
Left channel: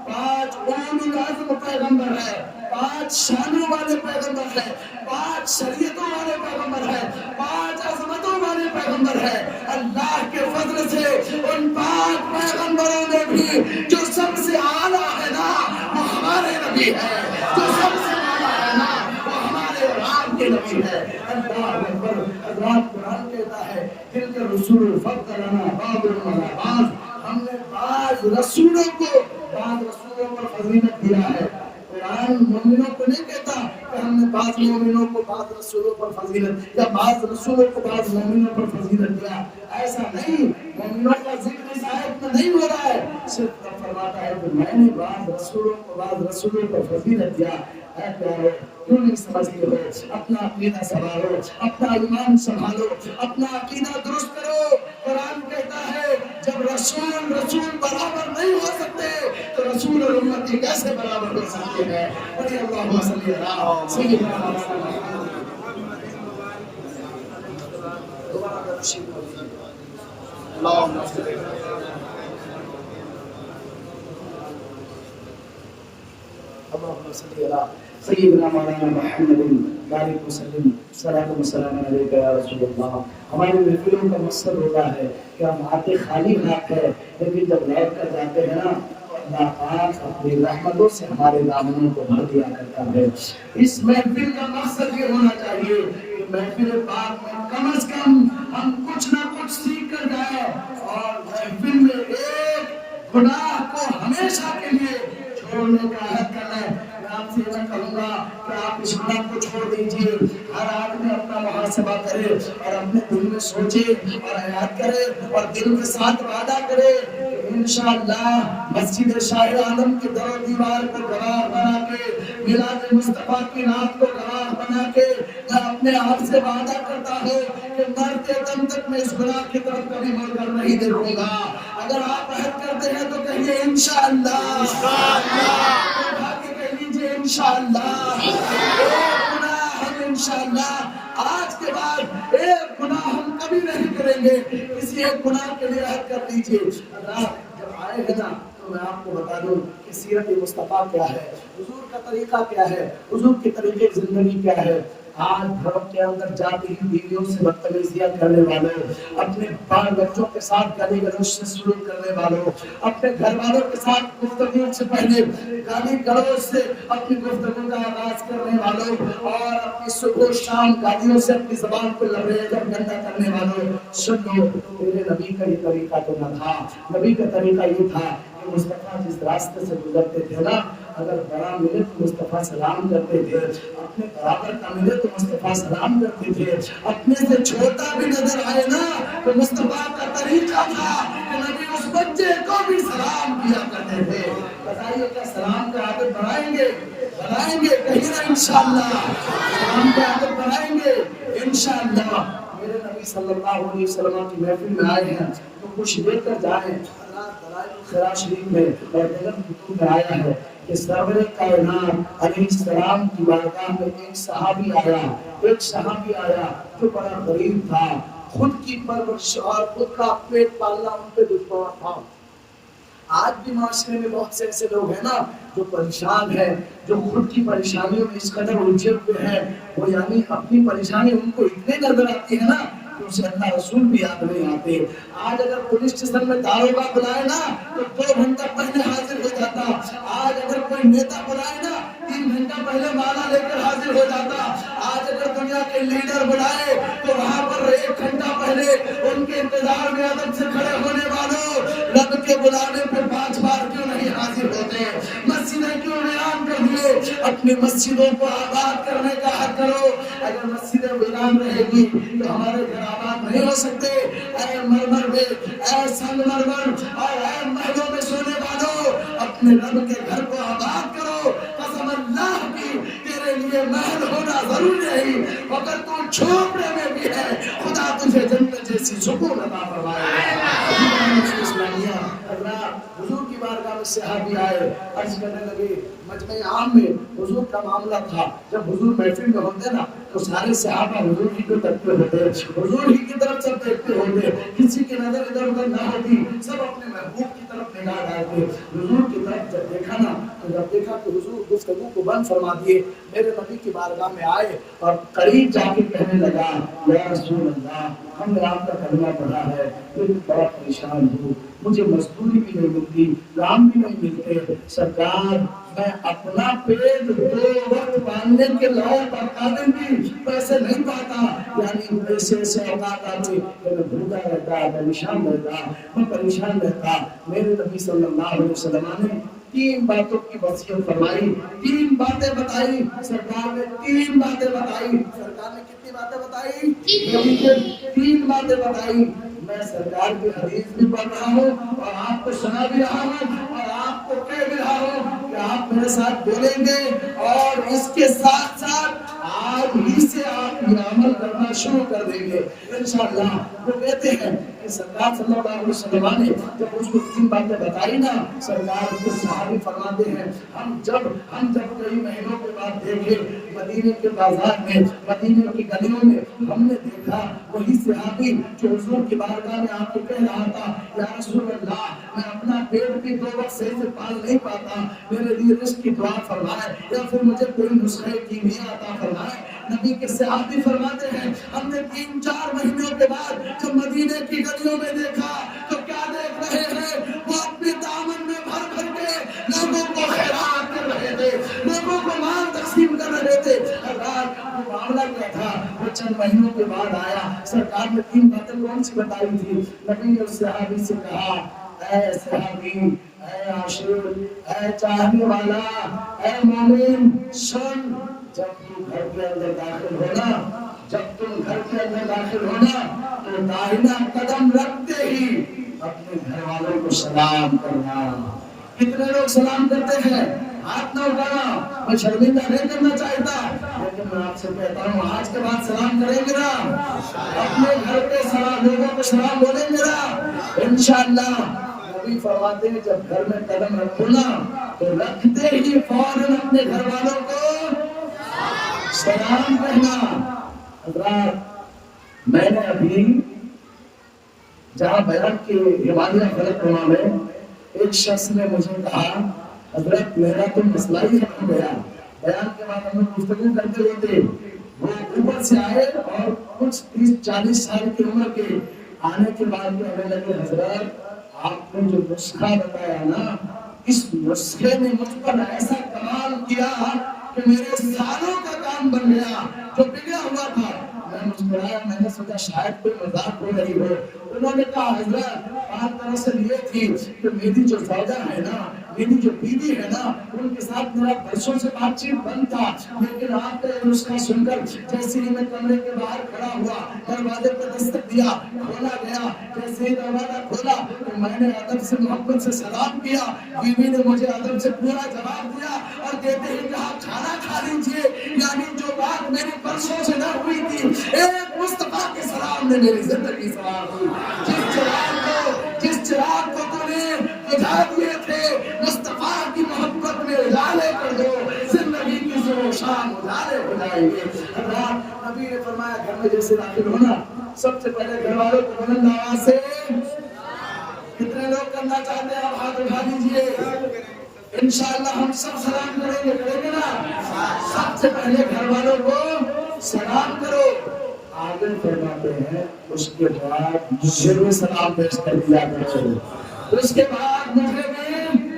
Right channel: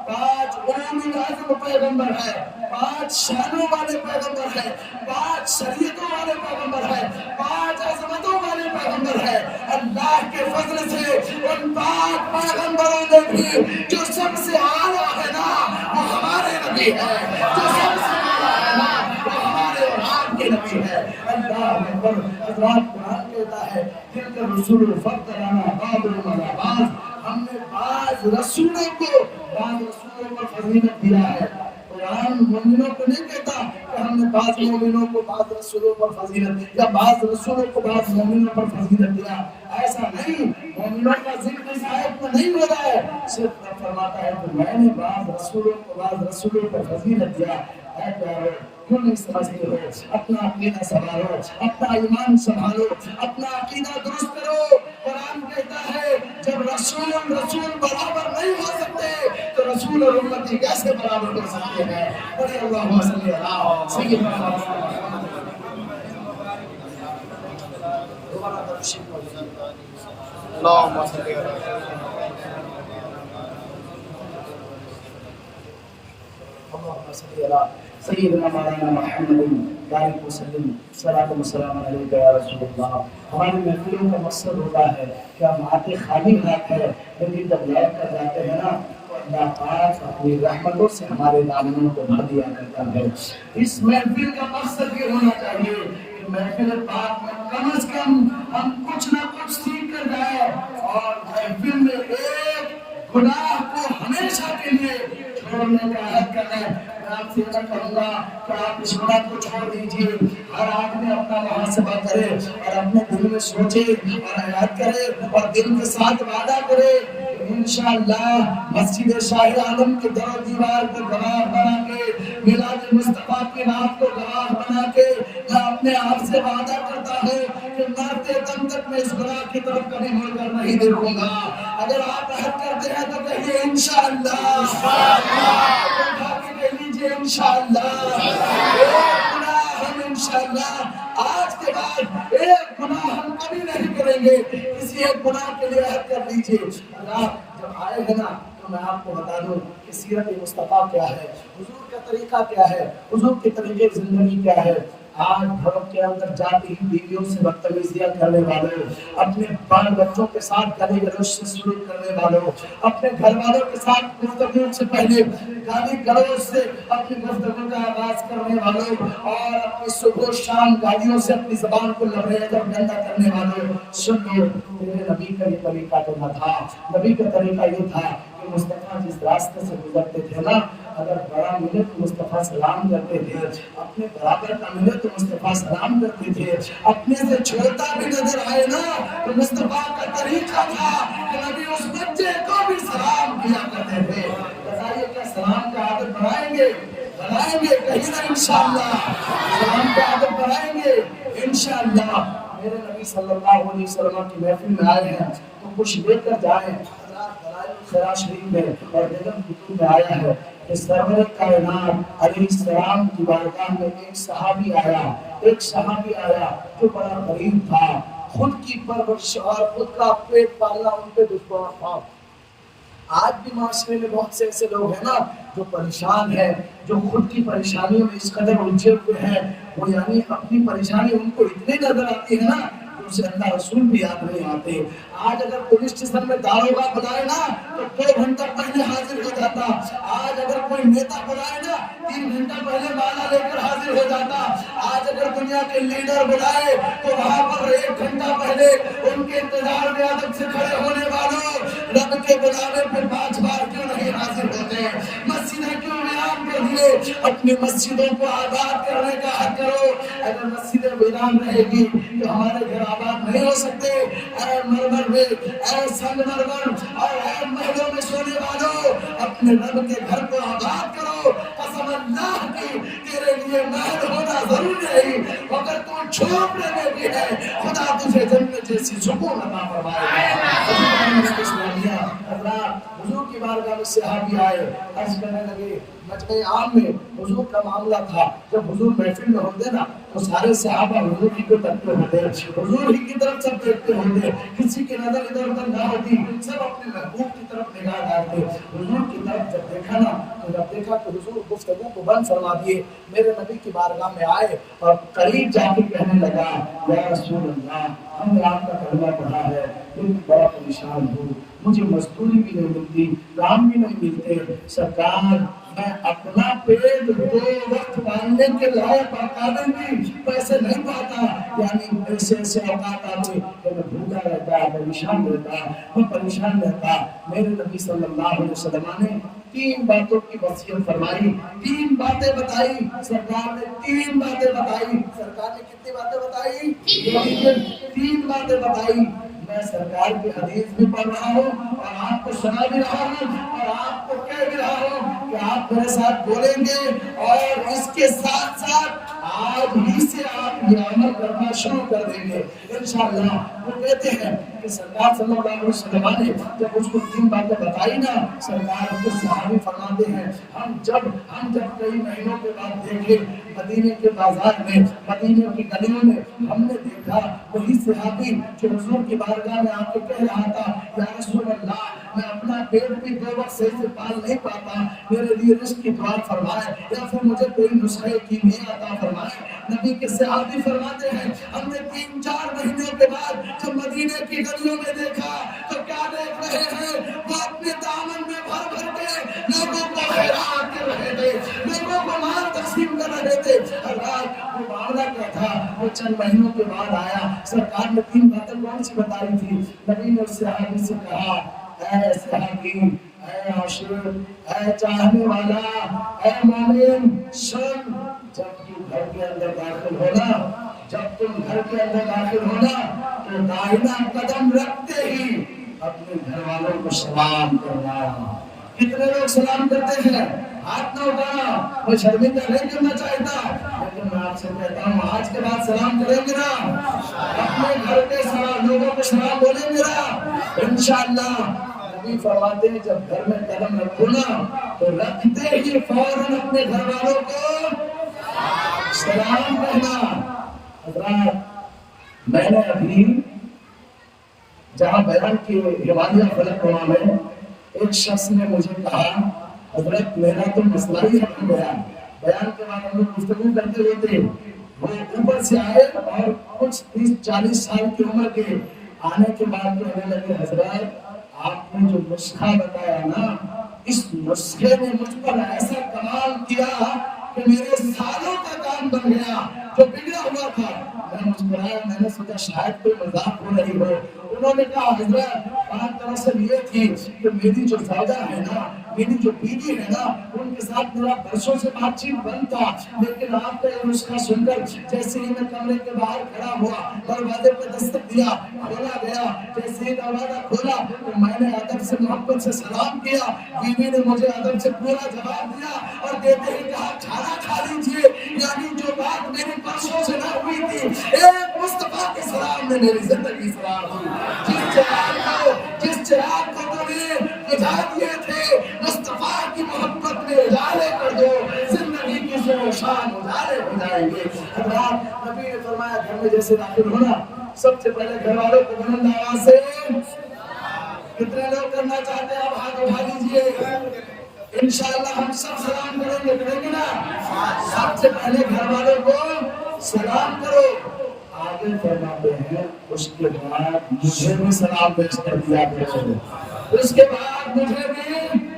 5 اولو العزم پیغمبر ہے، 5 شانوں والے پیغمبر ہے، 5 شریعتوں والے پیغمبر ہے، 5 عظمتوں والے پیغمبر ہے. اللہ کے فضل سے ان 5 پیغمبروں میں بھی جو سب سے اعلیٰ ہے نا وہ ہمارے نبی ہے، جو سب سے اعلیٰ ہے نا وہ ہمارے اور آپ کے نبی ہے. اللہ اکبر. حضرات قرآن کہتا ہے تلک الرسل فضلنا بعضهم علی بعض، ہم نے بعض رسولوں پر فضیلت دیا ہے. قرآن مومنوں کو نہیں کہتا کہ ہم نے بعض مومنوں کو بعض رسولوں پر فضیلت یا بعض رسولوں کو بعض مومنوں پر فضیلت دیا. ایسا نہیں، مومنوں کا ذکر اس آیت میں نہیں ہو رہا ہے. صرف فرماتا ہے کہ میں نے بعض رسولوں کو بعض رسولوں پر فضیلت دیا. اے پیارو کیوں نہیں سمجھتے ہو؟ اپنا عقیدہ سنبھالو، اپنا ایمان سنبھالو، اپنا عقیدہ درست کرو. قرآن کہتا ہے جب رسول برابر نہیں ہو سکتے تو رسول اور امتی کیسے برابر ہو سکتے ہیں؟ بڑے اللہم صلی اللہ سیدنا اللہم صلی اللہ سیدنا مولانا محمد بارک وسلم صلاۃ و سلام علیک یا رسول اللہ. ہماری محفلوں کا مقصد ہوتا ہے کہ ہم آتے خالی ہاتھ ہے، لیکن جب لوٹ کر جاتے ہیں نا اللہ پاک اپنی رحمتوں سے ہمارے دامنوں کو بھر دیا کرتا ہے. اس محفل کا مقصد یہ ہونا چاہیے کہ محفل پاک میں کم از کم ہم کچھ نہ کچھ سیکھ کر جائیں اور محفل میں ایک گناہ کو ہمیشہ کے لیے چھوڑنے کا عہد کر لیں. آپ سے یہ کہوں گا کہ آپ اس گناہ کو چھوڑ دیجیے. ہر آدمی اپنا محاسبہ کرے اور اپنے دل میں سوچے اور یاد کرے اور دل کے ساتھ وعدہ کرے انشاءاللہ مسجد شاہ عالم کے در و دیوار کو گواہ بنا کے، میلاد مصطفیٰ کی نعت کو گواہ بنا کے میں اپنے آپ سے وعدہ کرتا ہوں کہ مرتے دم تک میں اس گناہ کی طرف کبھی مڑ کر نہیں دیکھوں گا. اگر آپ عہد کرتے ہیں تو کہیے انشاءاللہ، انشاءاللہ. ایک گناہ ہم انشاءاللہ آج کے بعد ایک گناہ ہم کبھی نہیں کریں گے. کسی ایک گناہ کے لیے عہد کر لیجیے. اللہ جب آئے گا نا تو میں آپ کو بتا دوں کہ سیرت مصطفیٰ کیا ہے، حضور کا طریقہ کیا ہے، حضور کے طریقے زندگی کیا ہے. آج گھروں کے اندر جاتی ہی بیویوں سے بدتمیزیاں کرنے والوں، اپنے بال بچوں کے ساتھ گالی گلوچ سے سلوک کرنے والوں، اپنے گھر والوں کے ساتھ گفتگو سے پہلے گالی گلوچ سے اپنی گفتگو کا آغاز کرنے والوں اور اپنی صبح و شام گالیوں سے اپنی زبان کو لبریز اور گندا کرنے والوں. سن لو میرے نبی کا یہ طریقہ تو نہ تھا. نبی کا طریقہ یہ تھا کہ مصطفیٰ جس راستے سے گزرتے تھے نا، اگر بڑا ملے تو مصطفیٰ سلام کرتے تھے، اپنے برابر کا ملے تو مصطفیٰ سلام کرتے تھے، اپنے سے چھوٹا بھی نظر آئے نا تو مصطفیٰ کا طریقہ تھا کہ نبی اس بچے کو بھی سلام کیا کرتے تھے. بتائیے کیا سلام کا عادت بنائیں گے؟ کہیں نہ انشاءاللہ سلام کا عادت بنائیں گے انشاءاللہ. میرے نبی صلی اللہ علیہ وسلم کی محفل میں آئے ہیں تو کچھ لے کر جائیں. خیرات شریف میں اور بیگم کتب میں آیا ہے کہ سرور کائنات علیہ السلام کی بارگاہ میں ایک صحابی آیا جو بڑا غریب تھا، خود کی پرورش اور خود کا پیٹ پالنا ان پہ دشوار تھا. آج بھی معاشرے میں بہت سے ایسے لوگ ہیں نا جو پریشان ہیں، جو خود کی پریشانیوں میں اس قدر الجھے ہوئے ہیں، وہ یعنی اپنی پریشانی ان کو اتنے نظر آتی ہے نا کہ اسے اللہ رسول بھی یاد نہیں آتے. آج اگر پولیس اسٹیشن میں داروغہ بلائے نا تو 2 گھنٹہ پہلے حاضر ہو جاتا. آج اگر کوئی نیتا بلائے نا 3 گھنٹہ پہلے مالا لے کر حاضر ہو جاتا. آج اگر دنیا کے لیڈر بلائے تو وہاں پر 1 گھنٹہ پہلے ان کے انتظار میں ادب سے کھڑے ہونے والوں رب کے بلانے پر 5 بار کیوں نہیں حاضر ہوتے؟ مسجدیں کیوں ویران کر دیے؟ اپنی مسجدوں کو آباد کرنے کا حق کرو. اگر مسجدیں ویران رہے گی تو ہمارے گھر آباد نہیں ہو سکتے. اے مرمر میں، اے سنگ مرمر اور اے محلوں میں سونے والوں، اپنے رب کے گھر کو آباد کرو. قسم اللہ کی تیرے لیے محل ہونا ضروری نہیں، مگر تو چھوڑنے میں بھی ہے، خدا تجھے جنت جیسی سکون عطا فرمائے گا. حضور کی بارگاہ میں صحابی آئے، عرض کرنے لگے مجمع عام میں حضور کا معاملہ تھا. جب حضور محفل میں ہوتے نا تو سارے صحابہ حضور ہی کو تکتے ہوتے، حضور ہی کی طرف سب دیکھتے ہوتے، کسی کی نظر ادھر ادھر نہ ہوتی، سب اپنے محبوب کی طرف نگاہ ڈالتے. حضور کی طرف جب دیکھا نا تو جب دیکھا کہ حضور گفتگو کو بند فرما دیے، میرے نبی کی بارگاہ میں آئے اور قریب جا کے کہنے لگا یا رسول اللہ، ہم نے آپ کا کلمہ پڑھا ہے لیکن بڑا پریشان ہوں، مجھے مزدوری بھی نہیں ملتی، کام بھی نہیں ملتے. سرکار میں اپنا پیٹ 2 وقت پالنے کے لائق اور قابل بھی پیسے نہیں پاتا، یعنی پیسے سے اوقات آتی کہ میں بھوکا رہتا، پریشان رہتا، میں پریشان رہتا. میرے نبی صلی اللہ علیہ وسلم نے 3 باتوں کی وصیت فرمائی، 3 باتیں بتائی. سرکار نے 3 باتیں بتائی. سرکار نے کتنی باتیں بتائی؟ 3 باتیں بتائی. میں سرکار کی حدیث بھی پڑھ رہا ہوں اور آپ کو سنا بھی رہا ہوں اور آپ کو کہہ بھی رہا ہوں کہ آپ میرے ساتھ بولیں گے، اور اس کے ساتھ ساتھ آج ہی سے آپ یہ عمل کرنا شروع کر دیں گے انشاءاللہ. وہ کہتے ہیں کہ سرکار صلی اللہ علیہ وسلم نے جب اس کو 3 باتیں بتائی نا، سرکار کے صحابی فرماتے ہیں ہم جب کئی مہینوں کے بعد دیکھے مدینے کے بازار میں، مدینے کی گلیوں میں، ہم نے دیکھا وہی صحابی جو حضور کی بارگاہ میں آ کے کہہ رہا تھا یا رسول اللہ، میں اپنا پیٹ بھی 2 وقت صحیح سے پال نہیں پاتا، میرے لیے رزق کی دعا فرمائے یا پھر مجھے کوئی نسخہ کیمیا عطا فرمائے. نبی کے صحابی فرماتے ہیں ہم نے 3-4 مہینے کے بعد جب مدینے کی گلیوں میں دیکھا تو کیا دیکھ رہے ہیں؟ وہ اپنے دامن میں بھر بھر کے لوگوں کو خیرات کر رہے تھے، لوگوں کو مال تقسیم کر رہے تھے. وہ معاملہ کیا تھا؟ وہ چند مہینوں کے بعد آیا. سرکار نے 3 باتیں کون سی بتائی تھی؟ نبی نے اس صحابی سے کہا اے صحابی، اے عاشق، اے چاہنے والا، اے مومن، سن، جب تم گھر کے اندر داخل ہونا، تو داہنا قدم رکھتے ہی اپنے گھر والوں کو سلام کرنا. کتنے لوگ سلام کرتے ہیں؟ ہاتھ نہ اٹھانا. میں شرمندہ نہیں کرنا چاہتا، لیکن میں آپ سے کہتا ہوں آج کے بعد سلام کریں گے نا، اپنے گھر کے سلام لوگوں کو سلام بولیں گے نا انشاءاللہ. نبی فرماتے ہیں جب گھر میں قدم رکھو نا تو رکھتے ہی فوراً اپنے گھر والوں کو سلام کہنا. حضرات، میں نے ابھی جہاں بیان کی ہمالیہ فلک نما میں ایک شخص نے مجھے کہا حضرت میرا تو مسئلہ ہی ختم گیا. بیان کے بعد ہم لوگ گفتگو کرتے ہوتے وہ اوپر سے آئے اور کچھ 30-40 سال کی عمر کے آنے کے بعد کہنے لگے حضرت آپ نے جو نسخہ بتایا نا، اس نسخے نے مجھ پر ایسا کمال کیا کہ میرے سالوں کا کام بن گیا جو بگڑا ہوا تھا. میں مسکرایا، میں نے سوچا شاید کوئی مذاق ہو رہی ہو. انہوں نے کہا حضرت بات دراصل یہ تھی کہ میری جو زوجہ ہے نا، میری جو بیوی ہے نا، ان کے ساتھ میرا برسوں سے بات چیت بند تھا، لیکن آپ کا یہ نسخہ سن کر جیسے ہی میں کمرے کے باہر کھڑا ہوا، دروازے پر دستک دیا، کھولا گیا. جیسے ہی دروازہ کھولا تو میں نے ادب سے محبت سے سلام کیا. بیوی نے مجھے ادب سے پورا جواب دیا اور دیتے ہی کہا کھانا کھا لیجیے. یعنی جو بات میری برسوں سے نہ ہوئی تھی، ایک مصطفیٰ کے سلام نے میری زندگی سوار دی. جس چراغ کو تو نے بجھا دیے تھے، مصطفیٰ کی محبت میں اجالے کر دو، زندگی کی صبح شام اجالے ہو جائیں گے. حضرات، نبی نے فرمایا گھر میں جیسے داخل ہونا سب سے پہلے گھر والوں کو بلند آواز سے کتنے لوگ کرنا چاہتے ہیں آپ ہاتھ اٹھا لیجیے. انشاءاللہ ہم سب سلام کریں گے نا. سب سے پہلے گھر والوں کو سلام کرو. آگے فرماتے ہیں اس کے بعد مجھے بھی سلام پیش کر دیا کرو. اس کے بعد مجھے بھی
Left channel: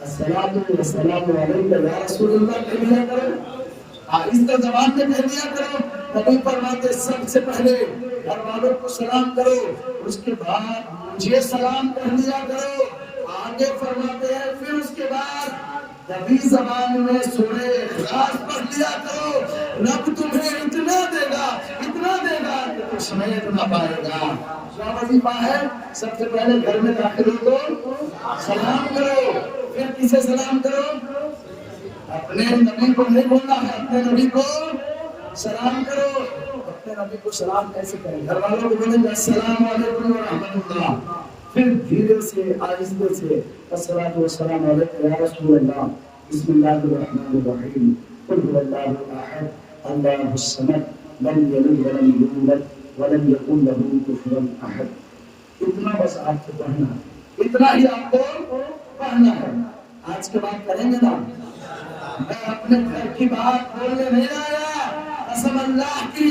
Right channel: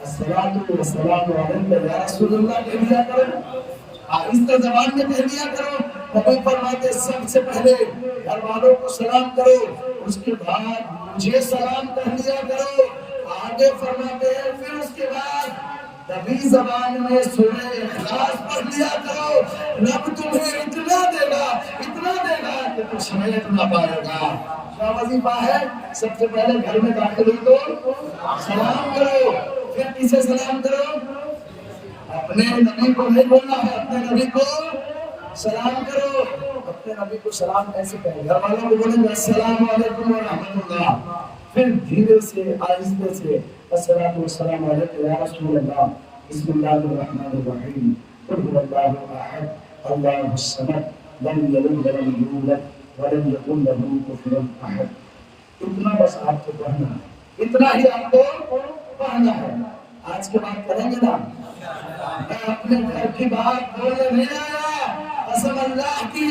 السلام علیکم یا رسول اللہ کہہ دیا کرو. آہستہ زبان میں کہہ دیا کرو. نبی فرماتے سب سے پہلے گھر والوں کو سلام کرو، اس کے بعد مجھے سلام کہہ دیا کرو. آگے فرماتے ہیں پھر اس کے بعد نبی زبان میں سورہ اخلاص پڑھ لیا کرو، رب تمہیں اتنا دے گا کہ تو سمیت نہ پائے گا۔ کیا وظیفہ ہے؟ سب سے پہلے گھر میں داخل ہو تو سلام کرو، پھر کسے سلام کرو؟ اپنے نبی کو نہیں بولنا ہے، اپنے نبی کو سلام کرو۔ اپنے نبی کو سلام کیسے کریں؟ گھر والوں کو بولیں گے السلام علیکم ورحمۃ اللہ، پھر دھیرے سے آہستہ سے الصلاۃ والسلام علیکم یا رسول اللہ، بسم اللہ الرحمن الرحیم، قل هو اللہ احد اللہ الصمد لم یلد ولم یولد ولم یکن له کفوا احد۔ اتنا بس آپ کو پڑھنا ہے، اتنا ہی آپ کو پڑھنا ہے۔ آج کے بعد کریں گے نا؟ میں اپنے گھر کی بات بولنے نہیں آیا، قسم اللہ کی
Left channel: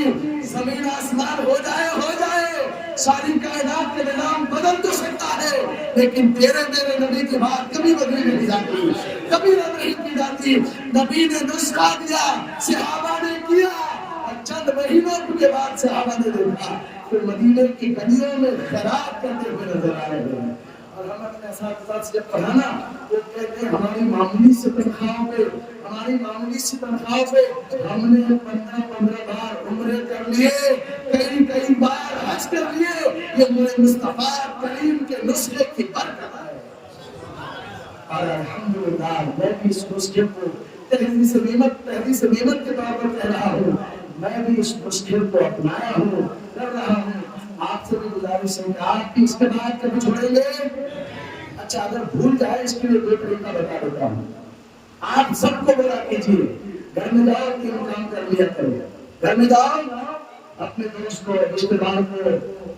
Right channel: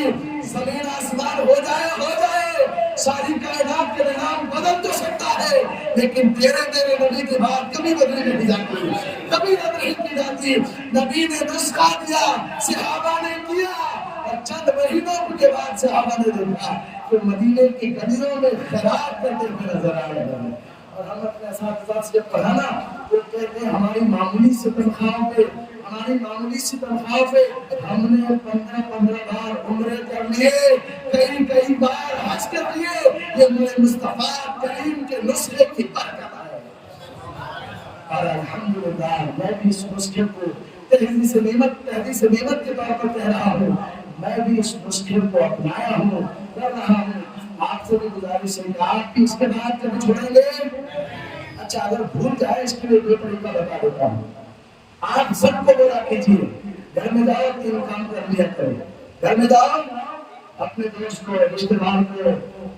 زمین آسمان ہو جائے ساری کائنات کے نظام بدل تو سکتا ہے، لیکن تیرے نبی کی بات کبھی بدلی نہیں جاتی، کبھی رد نہیں کی جاتی۔ نبی نے نسخہ دیا، صحابہ نے کیا، اور چند مہینوں کے بعد صحابہ نے دیکھا کہ مدینے کی گلیوں میں خراب کرتے ہوئے نظر آ رہے ہیں۔ اور ہم اپنے اساتذہ سے جب پڑھانا وہ کہتے ہیں ہماری معمولی سی تنخواہوں پہ ہم نے 15 بار عمرے کر لیے، کئی بار حج کر لیے، یہ میرے مصطفیٰ کریم کے نسخے کی برکت ہے۔ اور الحمدللہ میں بھی اس نسخے کو تحدیث نعمت کے طور پر کہہ رہا ہوں، میں بھی اس نسخے کو اپنایا ہوں، کر رہا ہوں۔ آپ سے بھی گزارش ہے کہ آپ بھی اس کے بعد کبھی چھوڑیں گے؟ اچھا اگر بھول جائے اس کے لیے دو طریقہ بتا دیتا ہوں۔ آپ سب کو بولا کیجیے، گھر میں جاؤ 3 کام کر لیا کرو، گھر میں جاؤ اپنے دوست کو، رشتے دار کو،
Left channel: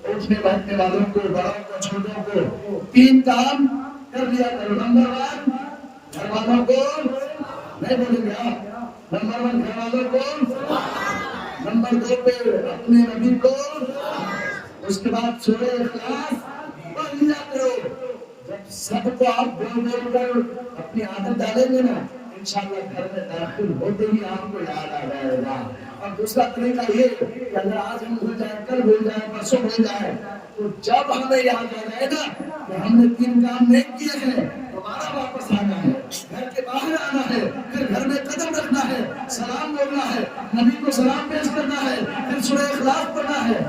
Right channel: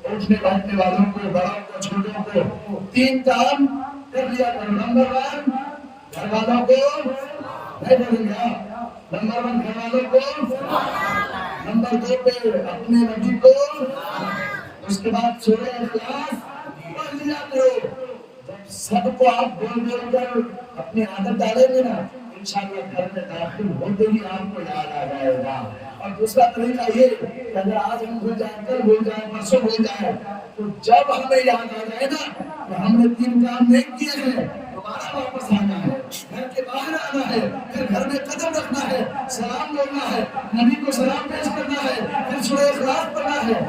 اٹھنے بیٹھنے والوں کو، بڑوں کو، چھوٹوں کو 3 کام کر لیا کرو۔ نمبر 1 گھر والوں کو نہیں بولیں گے آپ، نمبر 1 گھر والوں کو، نمبر 2 پہ اپنے نبی کو، اس کے بعد سورہ اخلاص پڑھ لیا کرو۔ جب سب کو آپ بول کر اپنی عادت ڈالیں گے نا، انشاءاللہ گھر میں داخل ہوتے ہی آپ کو یاد آ جائے گا۔ اور دوسرا طریقہ یہ کہ اگر آج ہم بھول جائیں، کل بھول جائیں، پرسوں بھول جائیں، تو جب ہمیں یاد آ جائے گا کہ ہم نے 3 کام نہیں کیے ہیں، دوبارہ واپس آنا ہے، گھر کے باہر آنا ہے، پھر گھر میں قدم رکھنا ہے، سلام بولنا ہے، نبی کو سلام پیش کرنا ہے، پھر سورہ اخلاص پڑھنا ہے۔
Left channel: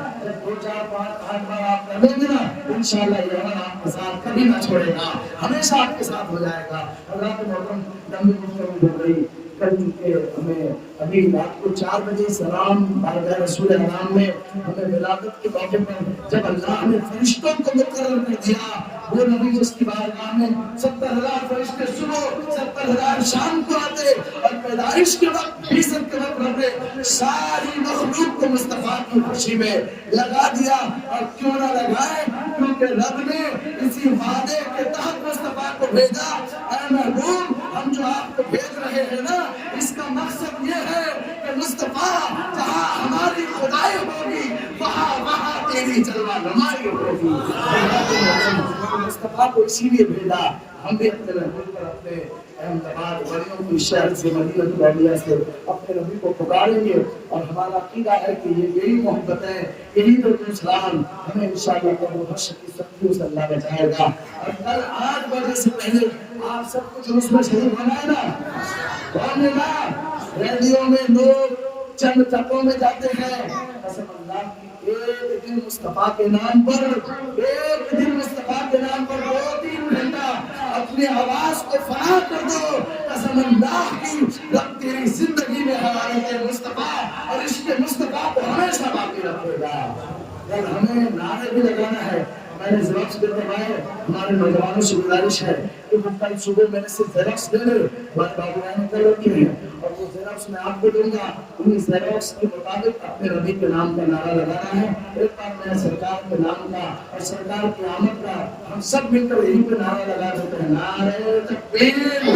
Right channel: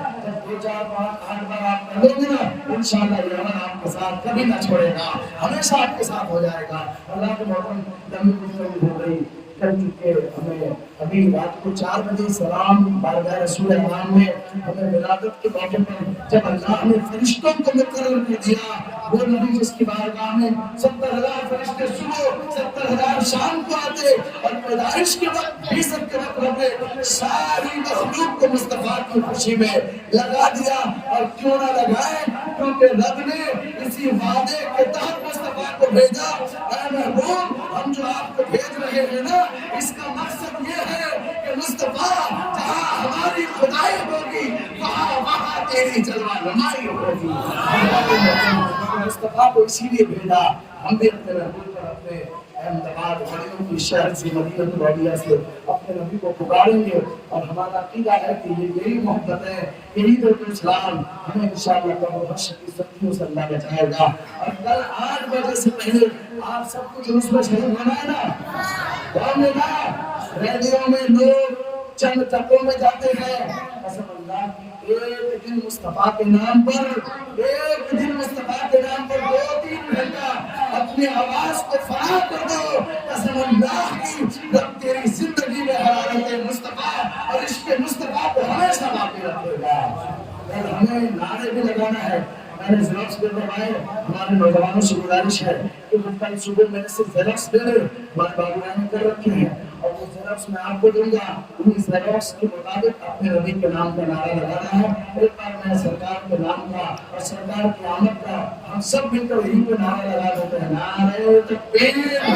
2 4 5 8 بار آپ کر لیں گے نا، انشاءاللہ یہ عمل آپ کے ساتھ کبھی نہ چھوڑے گا، ہمیشہ آپ کے ساتھ ہو جائے گا۔ اللہ کے محترم لمبی گفتگو ہو گئی، کر چکے ہمیں ابھی رات کو 4 بجے سلام بارگاہ رسول اکرم میں ہمیں ولادت کے موقع پر جب اللہ نے فرشتوں کو مقرر کر دیا، وہ نبی جس کی بارگاہ میں 70,000 فرشتے صبح 70,000 شام کو آتے، اور پیدائش کے وقت 20 کے وقت رہتے، ساری مخلوق کو مصطفیٰ کی خوشی میں لگا دیا۔ اور کیوں نہ لگائے؟ کیونکہ رب نے اسی وعدے کے تحت مصطفیٰ کو بھیجا۔ اے محبوب، ہم جو آپ کو بھیج رہے ہیں نا، اس کا مقصد یہ ہے کہ مصطفیٰ جہاں ہماری خدائی ہوگی وہاں تیری جلوہ نمائی ہوگی۔ مصطفیٰ کو اسی لیے بھیجا۔ ہم بھی اپنے محبوب پر اپنے احمد آباد ولیوں کی شہر سے، مدینہ النبویہ سے اپنے نبی کو پکاریں گے، اور ہمارا عقیدہ ہے کہ یہی محبت ہے، یہی درود و سلام ہمیں انشاءاللہ قبر حشر کی سختیوں سے اللہ بچائے گا۔ اور کل 8 بجے سے پہلے آپ سب کو جلوس میں شریک ہونا ہے نا، ریلیوں میں لوگ چند ٹکوں میں جاتے ہیں، قسم اللہ کی ایک دن مصطفیٰ کے نام پر 2-3 گھنٹہ اپنی آواز کو فنا کر دو، قسم اللہ کی رب تیری زندگی میں حرارت مصطفیٰ اور عشق مصطفیٰ کو ہمیشہ باقی رکھے گا۔ اور ہمیں نعرے بھی لگانا ہے۔ میں نے زیروکس پہ بنوائے، ہمارے نوجوانوں سے گزارش ہے کہ وہ کل صبح میں نے صرف زیروکس دے دے، ہمارے بابویاں نے کر رکھے ہیں، اور وہ زیروکس میں آپ کو دوں گا، انہیں زیروکس کے مطابق اپنے نبی کے نام کا نعرہ لگانا ہے۔ ایک بار میں سرکار کے نام کا اور سرکار کی آمد کا ہم سب مل کر یہیں پہ نعرہ لگا دیتے ہیں، نعرہ تکبیر۔